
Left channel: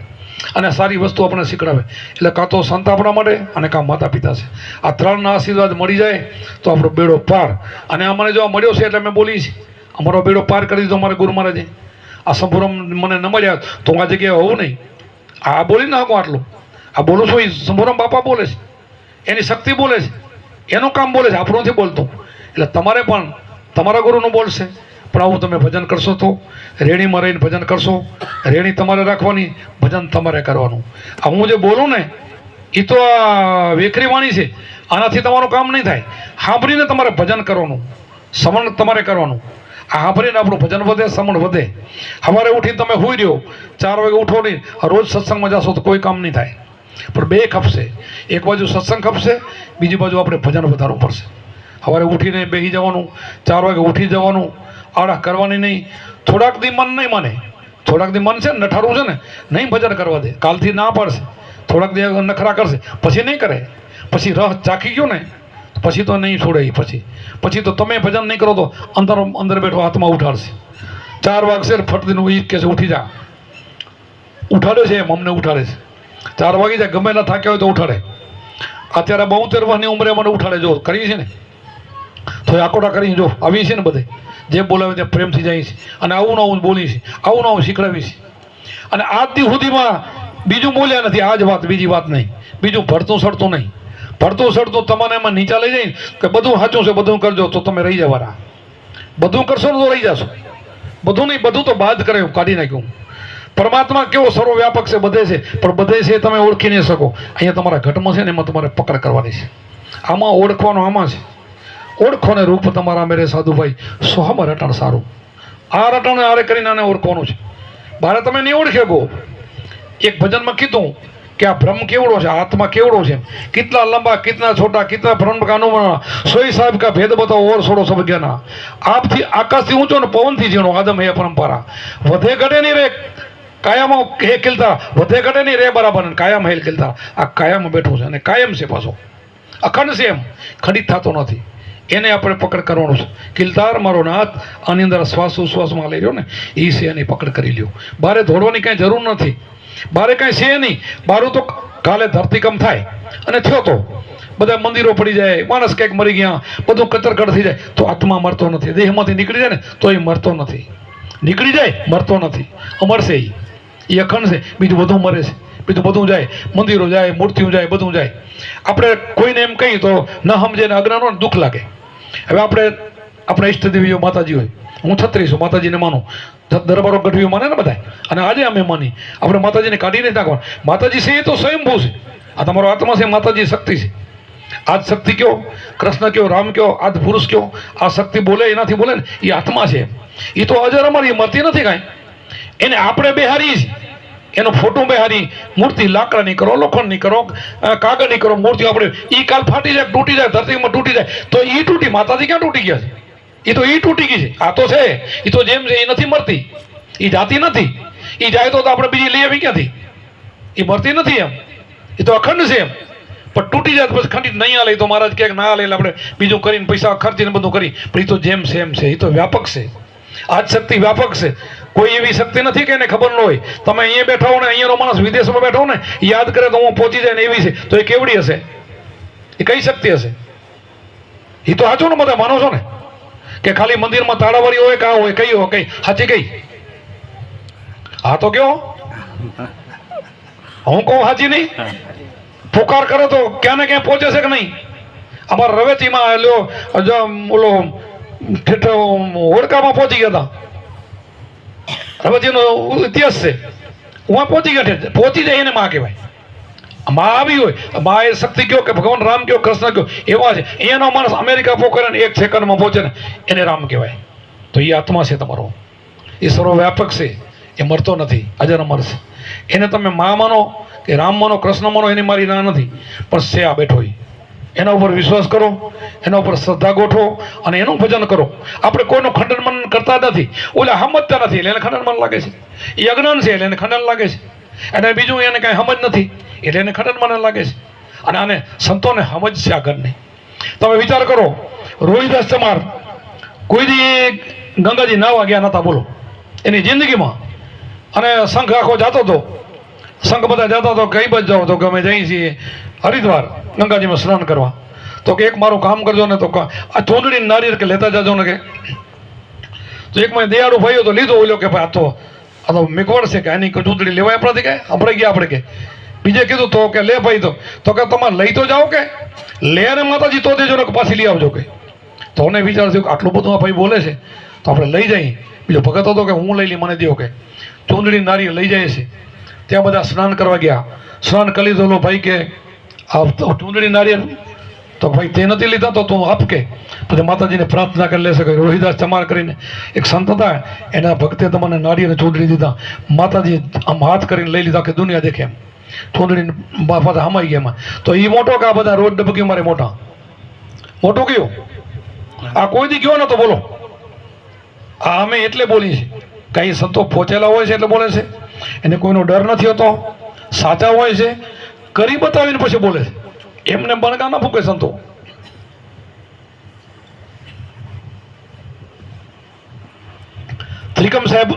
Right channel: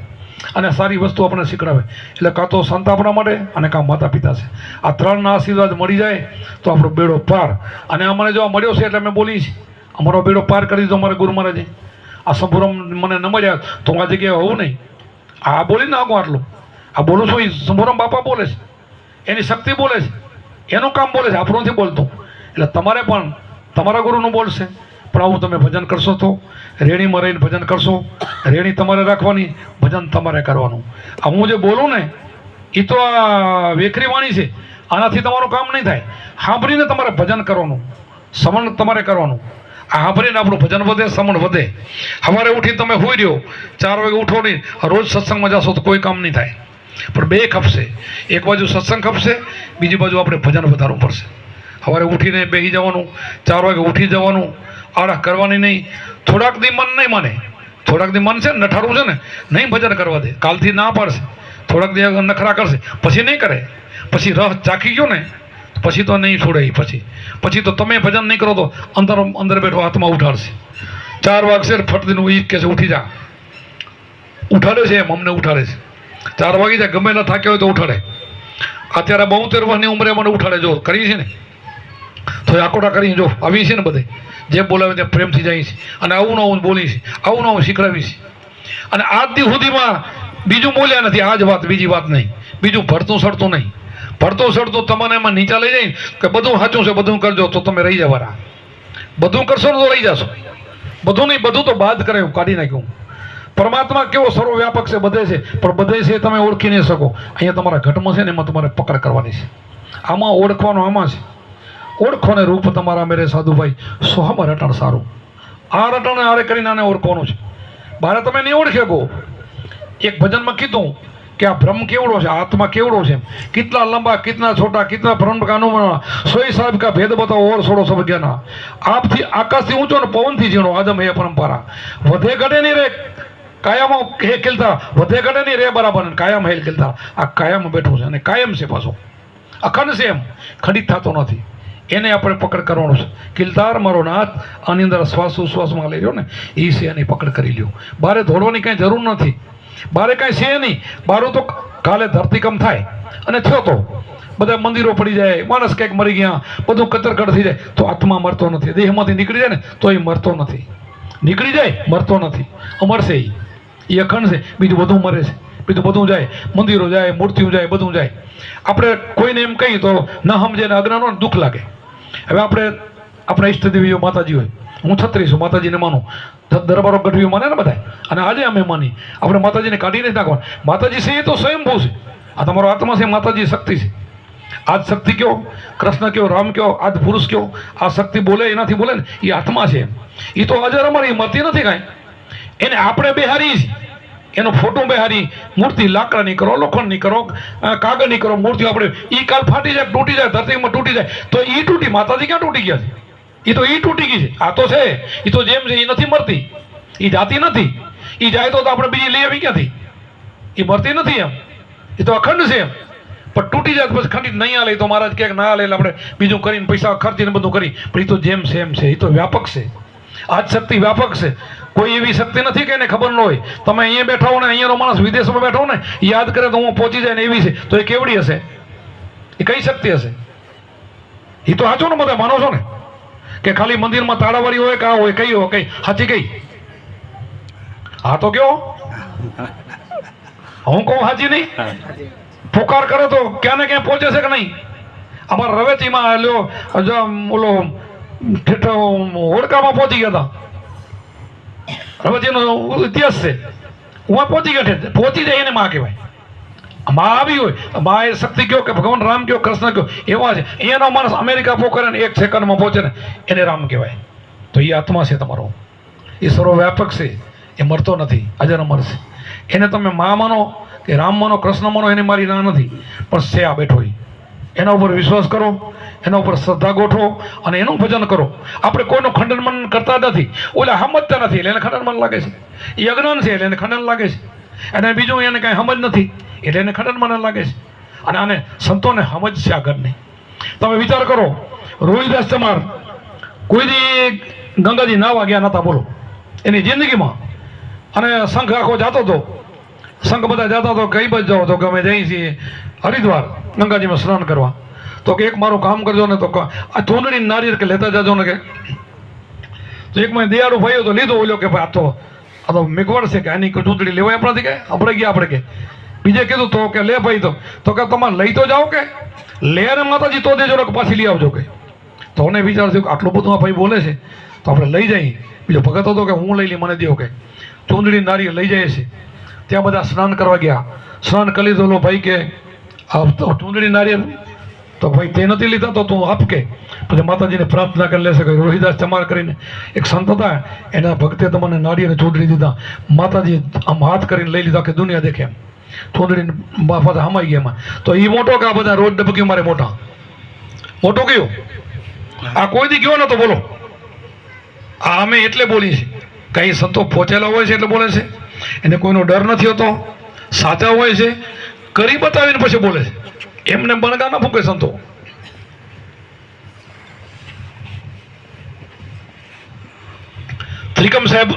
અને સારી વસ્તુ આપણે શીખડાવે. એટલે કાં તો સંત આપણા માટે અને કાં માતા પિતા છે. આ 3ના આશીર્વાદ મળી જાય તો આપણો બેડો પાર. અને અમને જો મળ્યો છે એટલે અમે બોલીએ છીએ, અમારો બેડો પાર કરી દીધો અમારા ગુરુ મહારાજે. આ સંપૂર્ણ મને ન મળ્યા તો આ જગ્યાએ હોવું નહીં. આ બોલી નાખું આટલું, આ બોલું છું એ સંપૂર્ણ બાપા બોલે છે, એની શક્તિ બોલે છે, એનું કામ બોલે છે, આપણું નથી બોલતું. એટલે તમારે પણ તમારા ગુરુનું બોલશે. પણ આવું તમે ભજન કરશો તો રેણીમાં રહીને ભજન કરશો. રેણી તમારે રાખવાની, ભજન તમારે કરવાનું. આ હું જે બોલું ને એ તો આ વેખરી વાણી છે, આનાથી તમારું કામ નહીં થાય. સાંભળીને તમારે ભજન કરવાનું, સમણ તમારે કરવાનું. આ સાંભળીને આપણું ભજન વધે, સમણ વધે. સવારે ઉઠીને તમે સૂઈ રહ્યો, 4 વાગે ઉઠો નહીં, રોજ સત્સંગમાં જશો તો કોઈ કામ નહીં થાય. પણ 2 ખપશે, એક બાજુ સત્સંગ ખપશે, બીજી બાજુ આપણે ભજન વધારવું પડશે. સવારે ઉઠીને બેસી જવાનું, 4 વાગે ઉઠી જવાનું, આળા કરવાની નહીં. થોડાક દી મન નહીં માને, થોડાક દી મન છે ને નઠારું છે ને, નહીં ભજન કરવા દે, કાલથી ના પાડશે. થોડાક દી નખરા કરશે, પછી નહીં કરે. પછી રસ ચાખી ગયો ને પછી તો નહીં છોડે. પછી તો તમે ભજન નહીં કરો તો અંદર બેઠો હાથમાં ઉઠાડશે. 4 વાગશે ફટદીનું ઈ કે છે ઉઠી જા, ઉઠાડે છે એમ, અમને ઉઠાડે છે. 4 વાગી જાય, ગમે ના થાક્યા હોય તો ઉઠાડે. અત્યારે 72 વર્ષની ઉંમરે મને ઉઠાડે. જો કરી છે ને તો આકોટા કરીને જો આવી છે ને બધે જે બોલાવે ત્યાં પ્રેમથી જાય છે. અને આવું ને આવું બોલી છે, આવું ને આવું શીખડાવી છે. અને આજ દી સુધીમાં બીજું બોલ્યા નથી. આ જ વાત, બીજી વાત નહીં. બીજું ભરતું સડતું નહીં. ભરતું સડતું તમને એમાં નીચા લઈ જાય કે બધું સાચું છે, બધું કરજો તો તમે રહી જવાના. બધું કરશો ને તો રહી જશો. બધું નહીં, બધું તો બાદ કરે, કાઢી નાખ્યું. પરમાત્મા કેવો સર્વવ્યાપક છે, બધે છે, પણ બધે છે તમે ઓળખી નહીં શકો. અહીંયા તમારા ઘટમાં છે ને એમાં તમારે પકડ કરવાની છે. આમાં ઓળખવાનું આમાં છે. ઓળખો ને રૂપ તમારા મેરે સાધુભાઈ સોહમ રટણ સારું. આ રટણ આરે કરીને આને ઓળખવાનું છે. બારે તમે નહીં ઓળખે ગો. એક ભજનમાં કીધું કે આ બ્રહ્મ કેવડો છે, આત્મા કેવડો છે, કિતના લંબા, કિતના છોટા, કિતના બ્રહ્મ કા અનુમાન, સોઈ સાહેબ કા ભેદ બતાવો ઓર છોડો સબ જ્ઞાના. આપથી આકાશથી ઊંચો ને પવનથી ઝીણો આદમ હે પરંપરા. વધે ઘટે નહીં રે કાયામાં હે ખીલતા, વધે ઘટે નહીં રે બરાબર, કાયમ હે ખીલતા. આ કાયમ બેઠું છે અને કાયમ છે, પાછો અખંડ છે, એમ ખંડિત થતો નથી. એને આપણે પકડ કરવાનું છે. કિલતાર મારો નાથ, આની અંદર શ્વાસ ઉશ્વાસમાં લઈ રહ્યો ને એ છે, એની પકડ કરી લ્યો. બારે દોડવાની કાંઈ જરૂર નથી. બારે કાંઈ છે નહીં. બારું તો કાલે ધરતીકંપ થાય અને થયો તો બધા મંદિરો પડી જાય, માણસ કંઈક મરી ગયા, બધું કચરકડ થઈ જાય તો આત્મા મરતો નથી. દેહમાંથી નીકળી જાય ને તો એ મરતો નથી. નીકળી જાય મરતો નથી, મરશે. એ અખંડ છે, બીજું બધું મરે છે, બીજું બધું જાય, મંદિરો જાય, મૂર્તિઓ જાય, બધું જાય. આપણે કોઈને એમ કહીએ તો ન સમજે ને અગ્રહ નો દુઃખ લાગે. હવે આપણા ઈષ્ટદેવીઓ માતાજી હોય, હું છત્રી છું, માતાજીને માનું, દરબારો ગઢવીઓ માને ને બધા, અને આજે અમે માની. આપણે માતાજીને કાઢી નથી નાખવાનું. માતાજી છે એ તો સ્વયંભૂ છે. આ તમારો આત્મા છે, માતાજી શક્તિ છે. આજ શક્તિ કયો, કૃષ્ણ કયો, રામ કયો, આજ પુરુષ કયો, આ શક્તિ બોલે એનાથી બોલે ને એ આત્મા છે. એ તો અજર અમારી મરતી નથી કાંઈ. એને આપણે બેહારી છે, એનો ફોટો બેહારી, મૂર્તિ લાકડાની કરો, લોખંડની કરો, કાગળની કરો, મૂર્તિઓ આપણે એ કાલ ફાટી જાય, તૂટી જાય, ધરતીમાં તૂટી જાય તો એ તૂટી. માતાજી ક્યાં તૂટી ગયા છે? એ તો એ તૂટી ગઈ છે. આ તો છે, એ તો જેમ છે એ નથી મરતી, એ જાતી નથી. એ જાય તો આપણે બીજી લઈ આવી ક્યાંથી? એ મરતી નથી એમ, એ તો અખંડ છે એમ. પણ તૂટી જાય પછી ખંડિત નહીં હાલે તો મહારાજ ક્યાંક ના હાલે એટલે આપણે બીજું કરીને પૈસા ખર્ચીને બધું કરી. પણ એ તો જેમ છે એમ છે, એ તો વ્યાપક છે. આજ શક્તિ વ્યાપક છે. કોઈ એવી શક્તિ નથી કે એને ખબર ન હોય. તમે અહીંયા બેઠા હો ને અહીંયાનો માણસ વિદેશમાં બેઠો ને યાદ કરે તો હું પહોંચી જાય ને એવી છે તો એ કેવડી હશે? એ કઈ શક્તિ હશે? એ તો સાચું ને, બધા માનો છો ને કે ખાલી મંદિરમાં તાળાવાળી હોય કા હોય, કઈ હોય કઈ સાચી કઈ? હા તો કયો, હું કહું સાચી નહીં? પુકાર કરે તો ક્યાં ને ક્યાં પહોંચે છે કે નહીં? અમારા રવેચીમાં લ્યો ઓલો હોડકામાં પહોંચી ગયા હતા. રવેચીનો ઇતિહાસ છે, હું પહોંચી ગયા, પહોંચી જાય એને માં કહેવાય. માં આવી હોય, માં એ શક્તિ કયો કે ભગવાન રામ કયો કૃષ્ણ કયો એવા છે. એનો માણસ અમેરિકા પોકરે ને 1 સેકન્ડમાં પહોંચે ને એને રામ કહેવાય. તો એ આત્મા છે તમારો, એ સર્વવ્યાપક છે, એ મરતો નથી, અજર અમર છે. એને તમે માં માનો કે રામ માનો કૃષ્ણ માનો એની મારી ના નથી, પણ છે આ બેઠો એના ઉપર વિશ્વાસ કરો, એના ઉપર શ્રદ્ધા ગોઠવો અને એનું ભજન કરો. આપણે કોઈનું ખંડન મનન કરતા નથી, ઓલા સમજતા નથી એટલે એને ખંડન મન લાગે છે. એ અજ્ઞાન છે એટલે એને ખંડન લાગે છે, અને બીજું એને કાંઈ સમજ નથી એટલે એને ખંડન મન લાગે છે. અને આને સંતોને સમજ છે આગળની. તમે વિચાર કરો, રોહિદાસ ચમાર કોઈ દી ગંગાજી નાવા ગયા નતા, બોલો, એની જિંદગીમાં. અને સંઘ આખો જતો હતો, સંઘ બધા જતા હતો, કઈ બાજુ જાઓ તો કે અમે જઈએ છીએ હરિદ્વાર ગંગાજીમાં સ્નાન કરવા. તો કે એક મારું કામ કરજો ને, તો આ ચૂંદડી નારિયેળ કે લેતા જાજો ને કે. તો એક મને દયાળુ ભાઈઓ તો લીધો, ઓલો કે ભાઈ આ તો મિગવડ છે કે આની ચૂંદડી લેવાય આપણાથી, કે આપણે ગયા આપણે કે. બીજે કીધું તો કે લે ભાઈ, તો કે તમારે લઈ તો જાઓ કે લે ને માતાજી તો દેજો ને કે પાછી લઈ આવજો કે. તો મને વિચાર થયું કે આટલું બધું આ ભાઈ બોલે છે તો આપણે લઈ જઈએ. બીજો ભગત હતો કે હું લઈ લઈ, મને દો કે. ચૂંદડી નારિયેળ લઈ જાય છે. ત્યાં બધા સ્નાન કરવા ગયા, સ્નાન કરી લીધો. ભાઈ કે આ ચૂંદડી નારિયેળ તો ભાઈ તે નથી લીધા તો તું આપ કે. પછી માતાજીને પ્રાર્થના કરી લેશે કે રોહિદાસ ચમાર કરીને એક સંત હતા, એના ભક્તે તમને નારિયેળ ચૂંદડી દીધા. માતાજી આમ હાથ કરીને લઈ લીધા કે દુનિયા દેખે એમ. ચૂંદડી પાછા હમાઈ ગયા એમાં. તો એ મોટો કે આ બધા રોજ ડબકી મારે મોટા મોટો કયો? આ કોઈ દી કયો ને તો બોલો. આ અમે એટલે બોલી છે, કઈ સંતો પહોંચેલા હોય છે એટલે બોલે છે, એને કોઈનો ડર નથી હોતો, સાચા હોય છે, કરી બતાવીને પછી બોલે છે. એમને બણગા ના ફૂકે સંતો. ત્રિકમ સાહેબ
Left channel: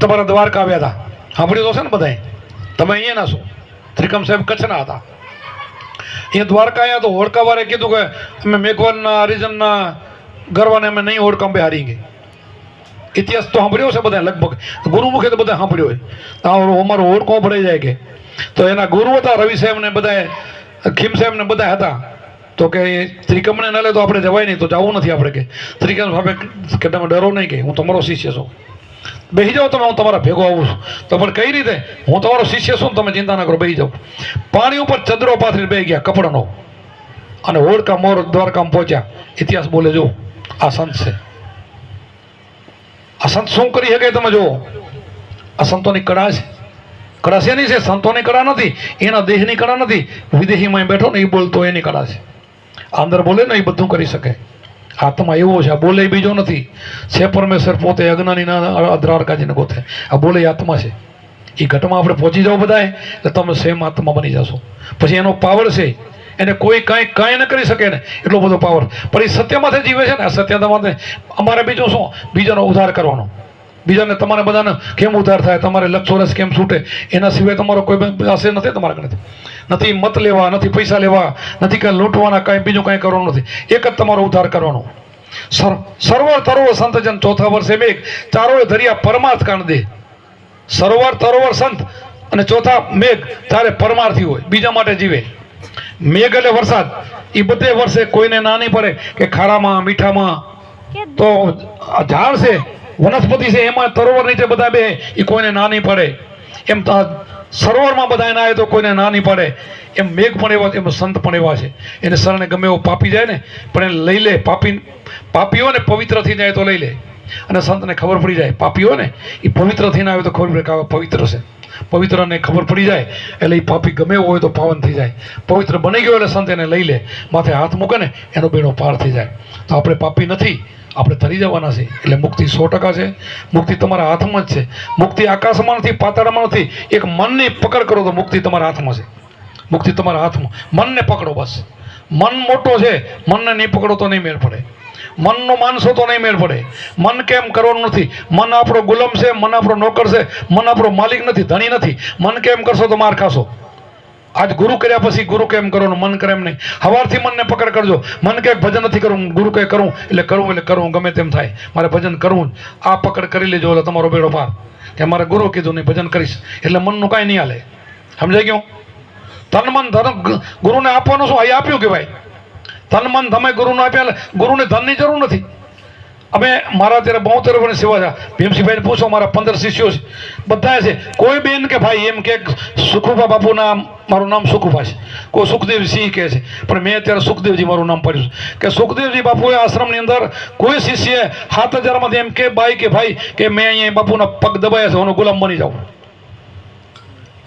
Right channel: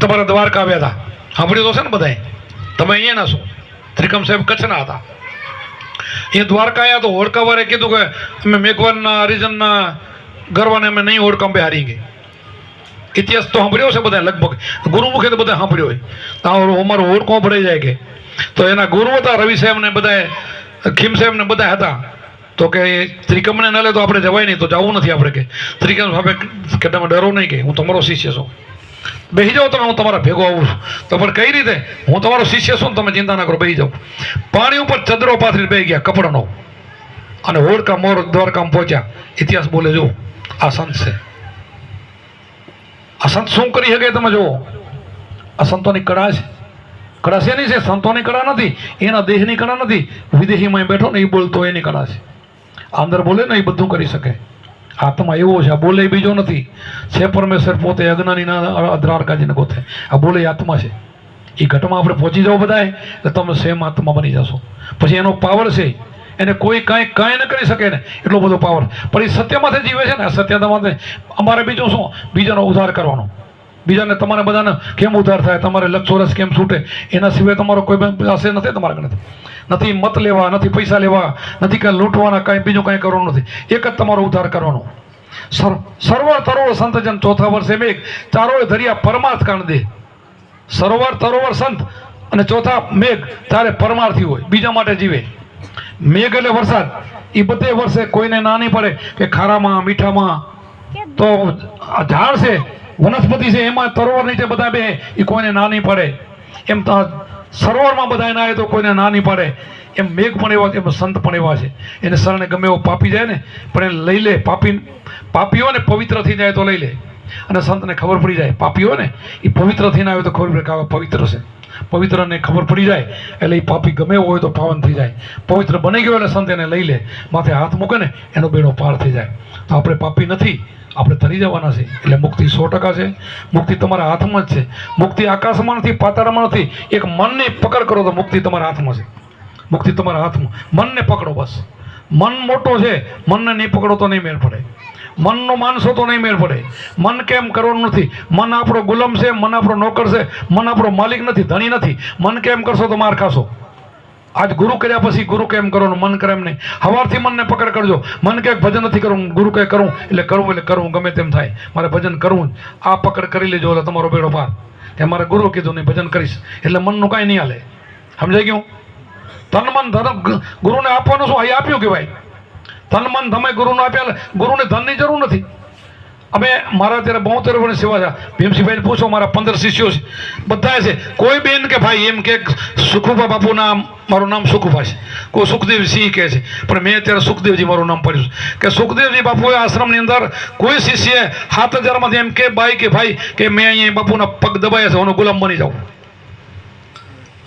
તમારા દ્વારકા આવ્યા હતા, સાંભળ્યું તો છે ને બધાએ? તમે અહીંયા ના છો. ત્રિકમ સાહેબ કચ્છના હતા. એ દ્વારકા આવ્યા તો હોડકાવાળે કીધું કે અમે મેઘવાનના હરિજનના ગરવાને અમે નહીં હોડકાં બેહારી ગઈ. ઇતિહાસ તો સાંભળ્યો છે બધા, લગભગ ગુરુમુખે તો બધા સાંભળ્યો હોય. અમારો હોડકો ભરાઈ જાય કે. તો એના ગુરુ હતા રવિ સાહેબ ને બધા, ખીમ સાહેબ ને બધા હતા. તો કે ત્રિકમને ન લે તો આપણે જવાય નહીં, તો જવું નથી આપણે કે. ત્રિકમ સાહેબ કે તમે ડરો નહીં કે હું તમારો શિષ્ય છું, બેસી જાઓ તમે, હું તમારા ભેગો આવું છું. તો પણ કઈ રીતે? હું તમારો શિષ્ય છું, તમે ચિંતા ના કરો, બેસી જાઓ. પાણી ઉપર ચદરો પાથરીને બેસી ગયા કપડાનો, અને હોડકા મોર દ્વારકામાં પહોંચ્યા. ઇતિહાસ બોલે જો આ સંત છે. આ સંત શું કરી શકે તમે જુઓ. આ સંતોની કળા છે. કળા શેની છે? સંતોની કળા નથી, એના દેહની કળા નથી. વિદેશીમાં બેઠો ને એ બોલતો એની કળા છે. અંદર બોલે ને એ બધું કરી શકે. આત્મા એવો છે, આ બોલે બીજો નથી. છે પરમેશ્વર પોતે, અજ્ઞાનીના અધરારકાજીને ગોતે. આ બોલે આત્મા છે. એ ઘટમાં આપણે પહોંચી જાઓ બધા એટલે તમે સેમ આત્મા બની જશો. પછી એનો પાવર છે, એને કોઈ કાંઈ ન કરી શકે ને એટલો બધો પાવર. પણ એ સત્યમાંથી જીવે છે ને. આ સત્યતામાંથી અમારે બીજું શું? બીજાનો ઉદ્ધાર કરવાનો. બીજાને તમારે બધાને કેમ ઉદ્ધાર થાય, તમારે લક્ષોરસ કેમ છૂટે, એના સિવાય તમારો કોઈ આશય નથી. તમારા ગણે નથી મત લેવા, નથી પૈસા લેવા, નથી કાંઈ લૂંટવાના, કાંઈ બીજું કાંઈ કરવાનું નથી. એક જ તમારો ઉદ્ધાર કરવાનો. સરોવર તરોવર સંતજન ચોથા વર્ષે મેઘ, ચારોએ ધરિયા પરમાર્થ કાંડ દે. સરોવર તરોવર સંત અને ચોથા મેઘ, તારે પરમાર્થી હોય, બીજા માટે જીવે. મેઘ એટલે વરસાદ. એ બધે વર્ષે, કોઈને ના નહીં પડે કે ખારામાં મીઠામાં. તો ઝાડ છે, વનસ્પતિ છે, એમાં તરોવર નીચે બધા બે, એ કોઈને ના નહીં પડે. એમ સરોવરમાં બધા ના તો કોઈને ના નહીં પડે. એમ મેઘ પણ એવા, એમ સંત પણ એવા છે. એને શરણે ગમે એવો પાપી જાય ને પણ એને લઈ લે. પાપીઓ ને પવિત્ર થઈ જાય તો લઈ લે. અને સંતને ખબર પડી જાય, પાપીઓ ને એ પવિત્ર થઈને આવે તો ખબર પડે કે પવિત્ર છે. પવિત્રને ખબર પડી જાય એટલે એ પાપી ગમે એવો હોય તો પાવન થઈ જાય. પવિત્ર બની ગયો એટલે સંત એને લઈ લે, માથે હાથ મૂકે ને એનો બેડો પાર થઈ જાય. તો આપણે પાપી નથી, આપણે તરી જવાના છે. એટલે મુક્તિ 100% છે. મુક્તિ તમારા હાથમાં જ છે. મુક્તિ આકાશમાં નથી, પાતાળમાં નથી. એક મનની પકડ કરો તો મુક્તિ તમારા હાથમાં છે. મુક્તિ તમારા હાથમાં. મનને પકડો બસ. મન મોટો છે, મનને નહીં પકડો તો નહીં મેળ પડે. મનનો માનસો તો નહીં મેળ પડે. મન કેમ કરવાનું નથી. મન આપણો ગુલામ છે, મન આપણો નોકર છે, મન આપણો માલિક નથી, ધણી નથી. મન કેમ કરશો તો માર ખાશો. આજ ગુરુ કર્યા પછી ગુરુ કેમ કરો ને મન કરે એમ નહીં. સવારથી મનને પકડ કરજો. મન કે ભજન નથી કરવું, ગુરુ કહે કરું એટલે કરવું ગમે તેમ થાય, મારે ભજન કરવું. આ પકડ કરી લેજો એટલે તમારો બેડો પાર. કે મારે ગુરુ કીધું નહીં ભજન કરીશ એટલે મનનું કાંઈ નહીં હાલે. સમજાઈ ગયું? તન મન ધન ગુરુને આપવાનું શું? અહીં આપ્યું કે ભાઈ તન મન તમે ગુરુને આપ્યા. ગુરુને ધનની જરૂર નથી. અમે મારા ત્યારે 72 વર્ષની સેવા છે. ભીમસિંહભાઈને પૂછો, મારા 15 શિષ્યો છે, બધા છે. કોઈ બેન કે ભાઈ એમ કે સુખુભા બાપુના મારું નામ સુખુભા છે, કોઈ સુખદેવસિંહ કહે છે, પણ મેં અત્યારે સુખદેવજી મારું નામ પડ્યું છે. કે સુખદેવજી બાપુએ આશ્રમની અંદર કોઈ શિષ્ય 7000માંથી એમ કે બાઈ કે ભાઈ કે મેં અહીંયા બાપુના પગ દબાયા છે, હું ગુલામ બની જાઉં.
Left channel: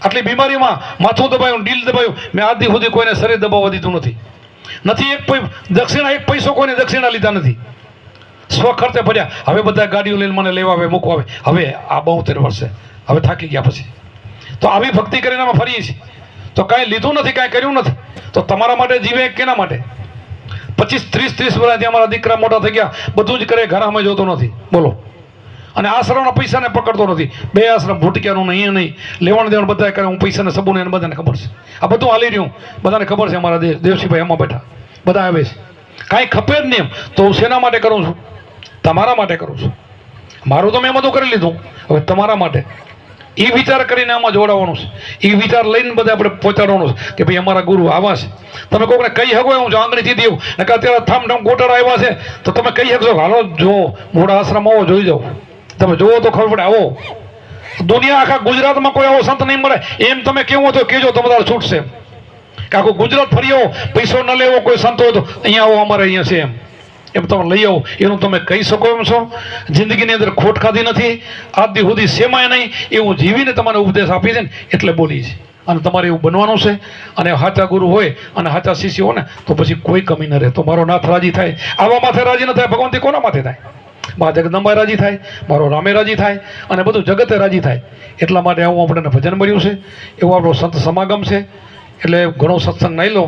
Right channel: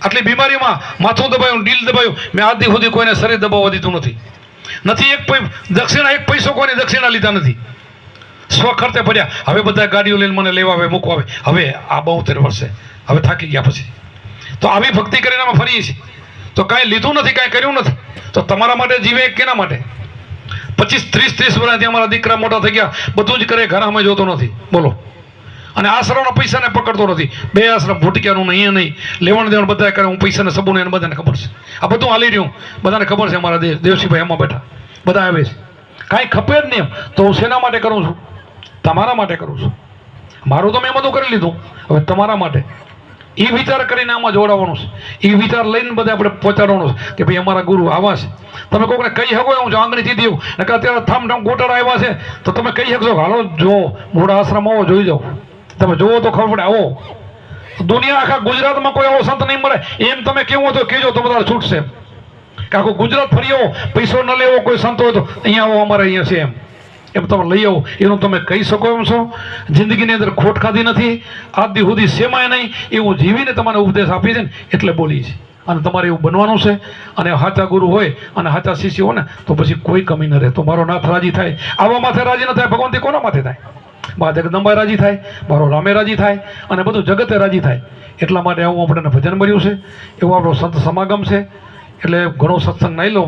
આટલી બીમારીમાં માથું દબાયું, ડીલ દબાયું, મેં આજ દી સુધી કોઈને શરીર દબાવવા દીધું નથી. દક્ષિણા એક પૈસો કોઈને દક્ષિણા લીધા નથી. સ્વ ખર્ચે પડ્યા. હવે બધા ગાડીઓ લઈને મને લેવા આવે, મૂકવા આવે. હવે આ 72 વર્ષે હવે થાકી ગયા પછી તો આવી ભક્તિ કરીને અમે ફરીએ છીએ. તો કાંઈ લીધું નથી, કાંઈ કર્યું નથી. તો તમારા માટે જીવે કેના માટે? 25, 30 વર્ષથી અમારા દીકરા મોટા થઈ ગયા, બધું જ કરે, ઘરમાં જોતો નથી. બોલો. અને આશ્રમના પૈસાને પકડતો નથી. 2 આશ્રમ ભૂટક્યાનું અહીંયા નહીં, લેવણ દેવણ બધા કરે. હું પૈસાને સબૂને એને બધાને ખબર છે. આ બધું હાલી રહ્યું, બધાને ખબર છે. અમારા દેવસિંહભાઈ એમાં બેઠા બધા આવે છે. કાંઈ ખપે જ નહીં તો હું શેના માટે કરું છું? તમારા માટે કરું છું. મારું તો મેં બધું કરી લીધું, હવે તમારા માટે. એ વિચાર કરીને આમાં જોડાવાનું છે. એ વિચાર લઈને બધા આપણે પહોંચાડવાનું છે કે ભાઈ અમારા ગુરુ આવા છે. તમે કોઈને કહી શકો હું આંગળીથી દેવું ને કે અત્યારે થામ ગોટર આવ્યા છે તો તમે કહી શકશો હાલો જો મોડા આશ્રમ આવો, જોઈ જાઓ. તમે જોવો તો ખબર પડે. આવો દુનિયા આખા ગુજરાતમાં કોઈ આવો સંત નહીં મળે. એમ તમે કેવું તો કહેજો, તમારે છૂટશે. કે આખું ગુજરાત ફરી આવો, પૈસો ન લેવો કોઈ સંત હોય તો અહીંયા આવો, અમારે અહીંયા છે એમ તમે લઈ આવો. એનું તમે કહી શકો એમ છો. જિંદગીની અંદર ખોટ ખાધી નથી, આજ દી સુધી સેમાય નહીં, એવું જીવીને તમારે ઉપદેશ આપી છે ને એટલે બોલી છે. અને તમારે એવું બનવાનું છે. અને સાચા ગુરુ હોય અને સાચા શિષ્ય હોય ને તો પછી કોઈ કમી ન રહે. તો મારો નાથ રાજી થાય. આવા માથે રાજી ન થાય, ભગવાનથી કોના માથે થાય? મા જગદંબા રાજી થાય, મારો રામે રાજી થાય, અને બધું જગતે રાજી થાય. એટલા માટે આવું આપણને ભજન મળ્યું છે, એવું આપણો સંત સમાગમ છે. એટલે ઘણો સત્સંગ નહીં લો.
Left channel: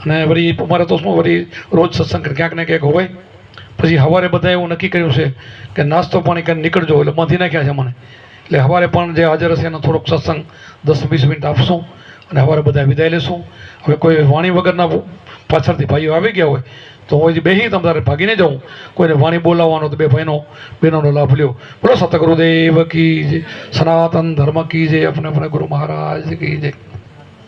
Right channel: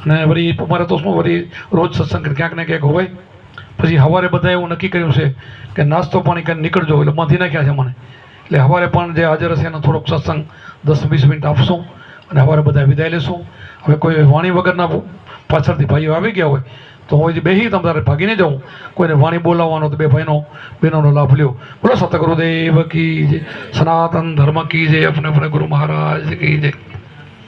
અને વળી અમારે તો શું વળી રોજ સત્સંગ ક્યાંક ને ક્યાંક હોય. પછી સવારે બધા એવું નક્કી કર્યું છે કે નાસ્તો પાણી કરીને નીકળજો, એટલે બાંધી નાખ્યા છે મને. એટલે સવારે પણ જે હાજર હશે એને થોડોક સત્સંગ 10-20 મિનિટ આપશું અને સવારે બધા વિદાય લેશું. હવે કોઈ વાણી વગરના પાછળથી ભાઈઓ આવી ગયા હોય તો હું બેસી તમારે ભાગીને જાઉં. કોઈને વાણી બોલાવવાનો તો 2 બહેનોનો લાભ લ્યો. બોલો સતગુરુદેવ કી જય, સનાતન ધર્મ કી જય, अपने गुरु महाराज की जय.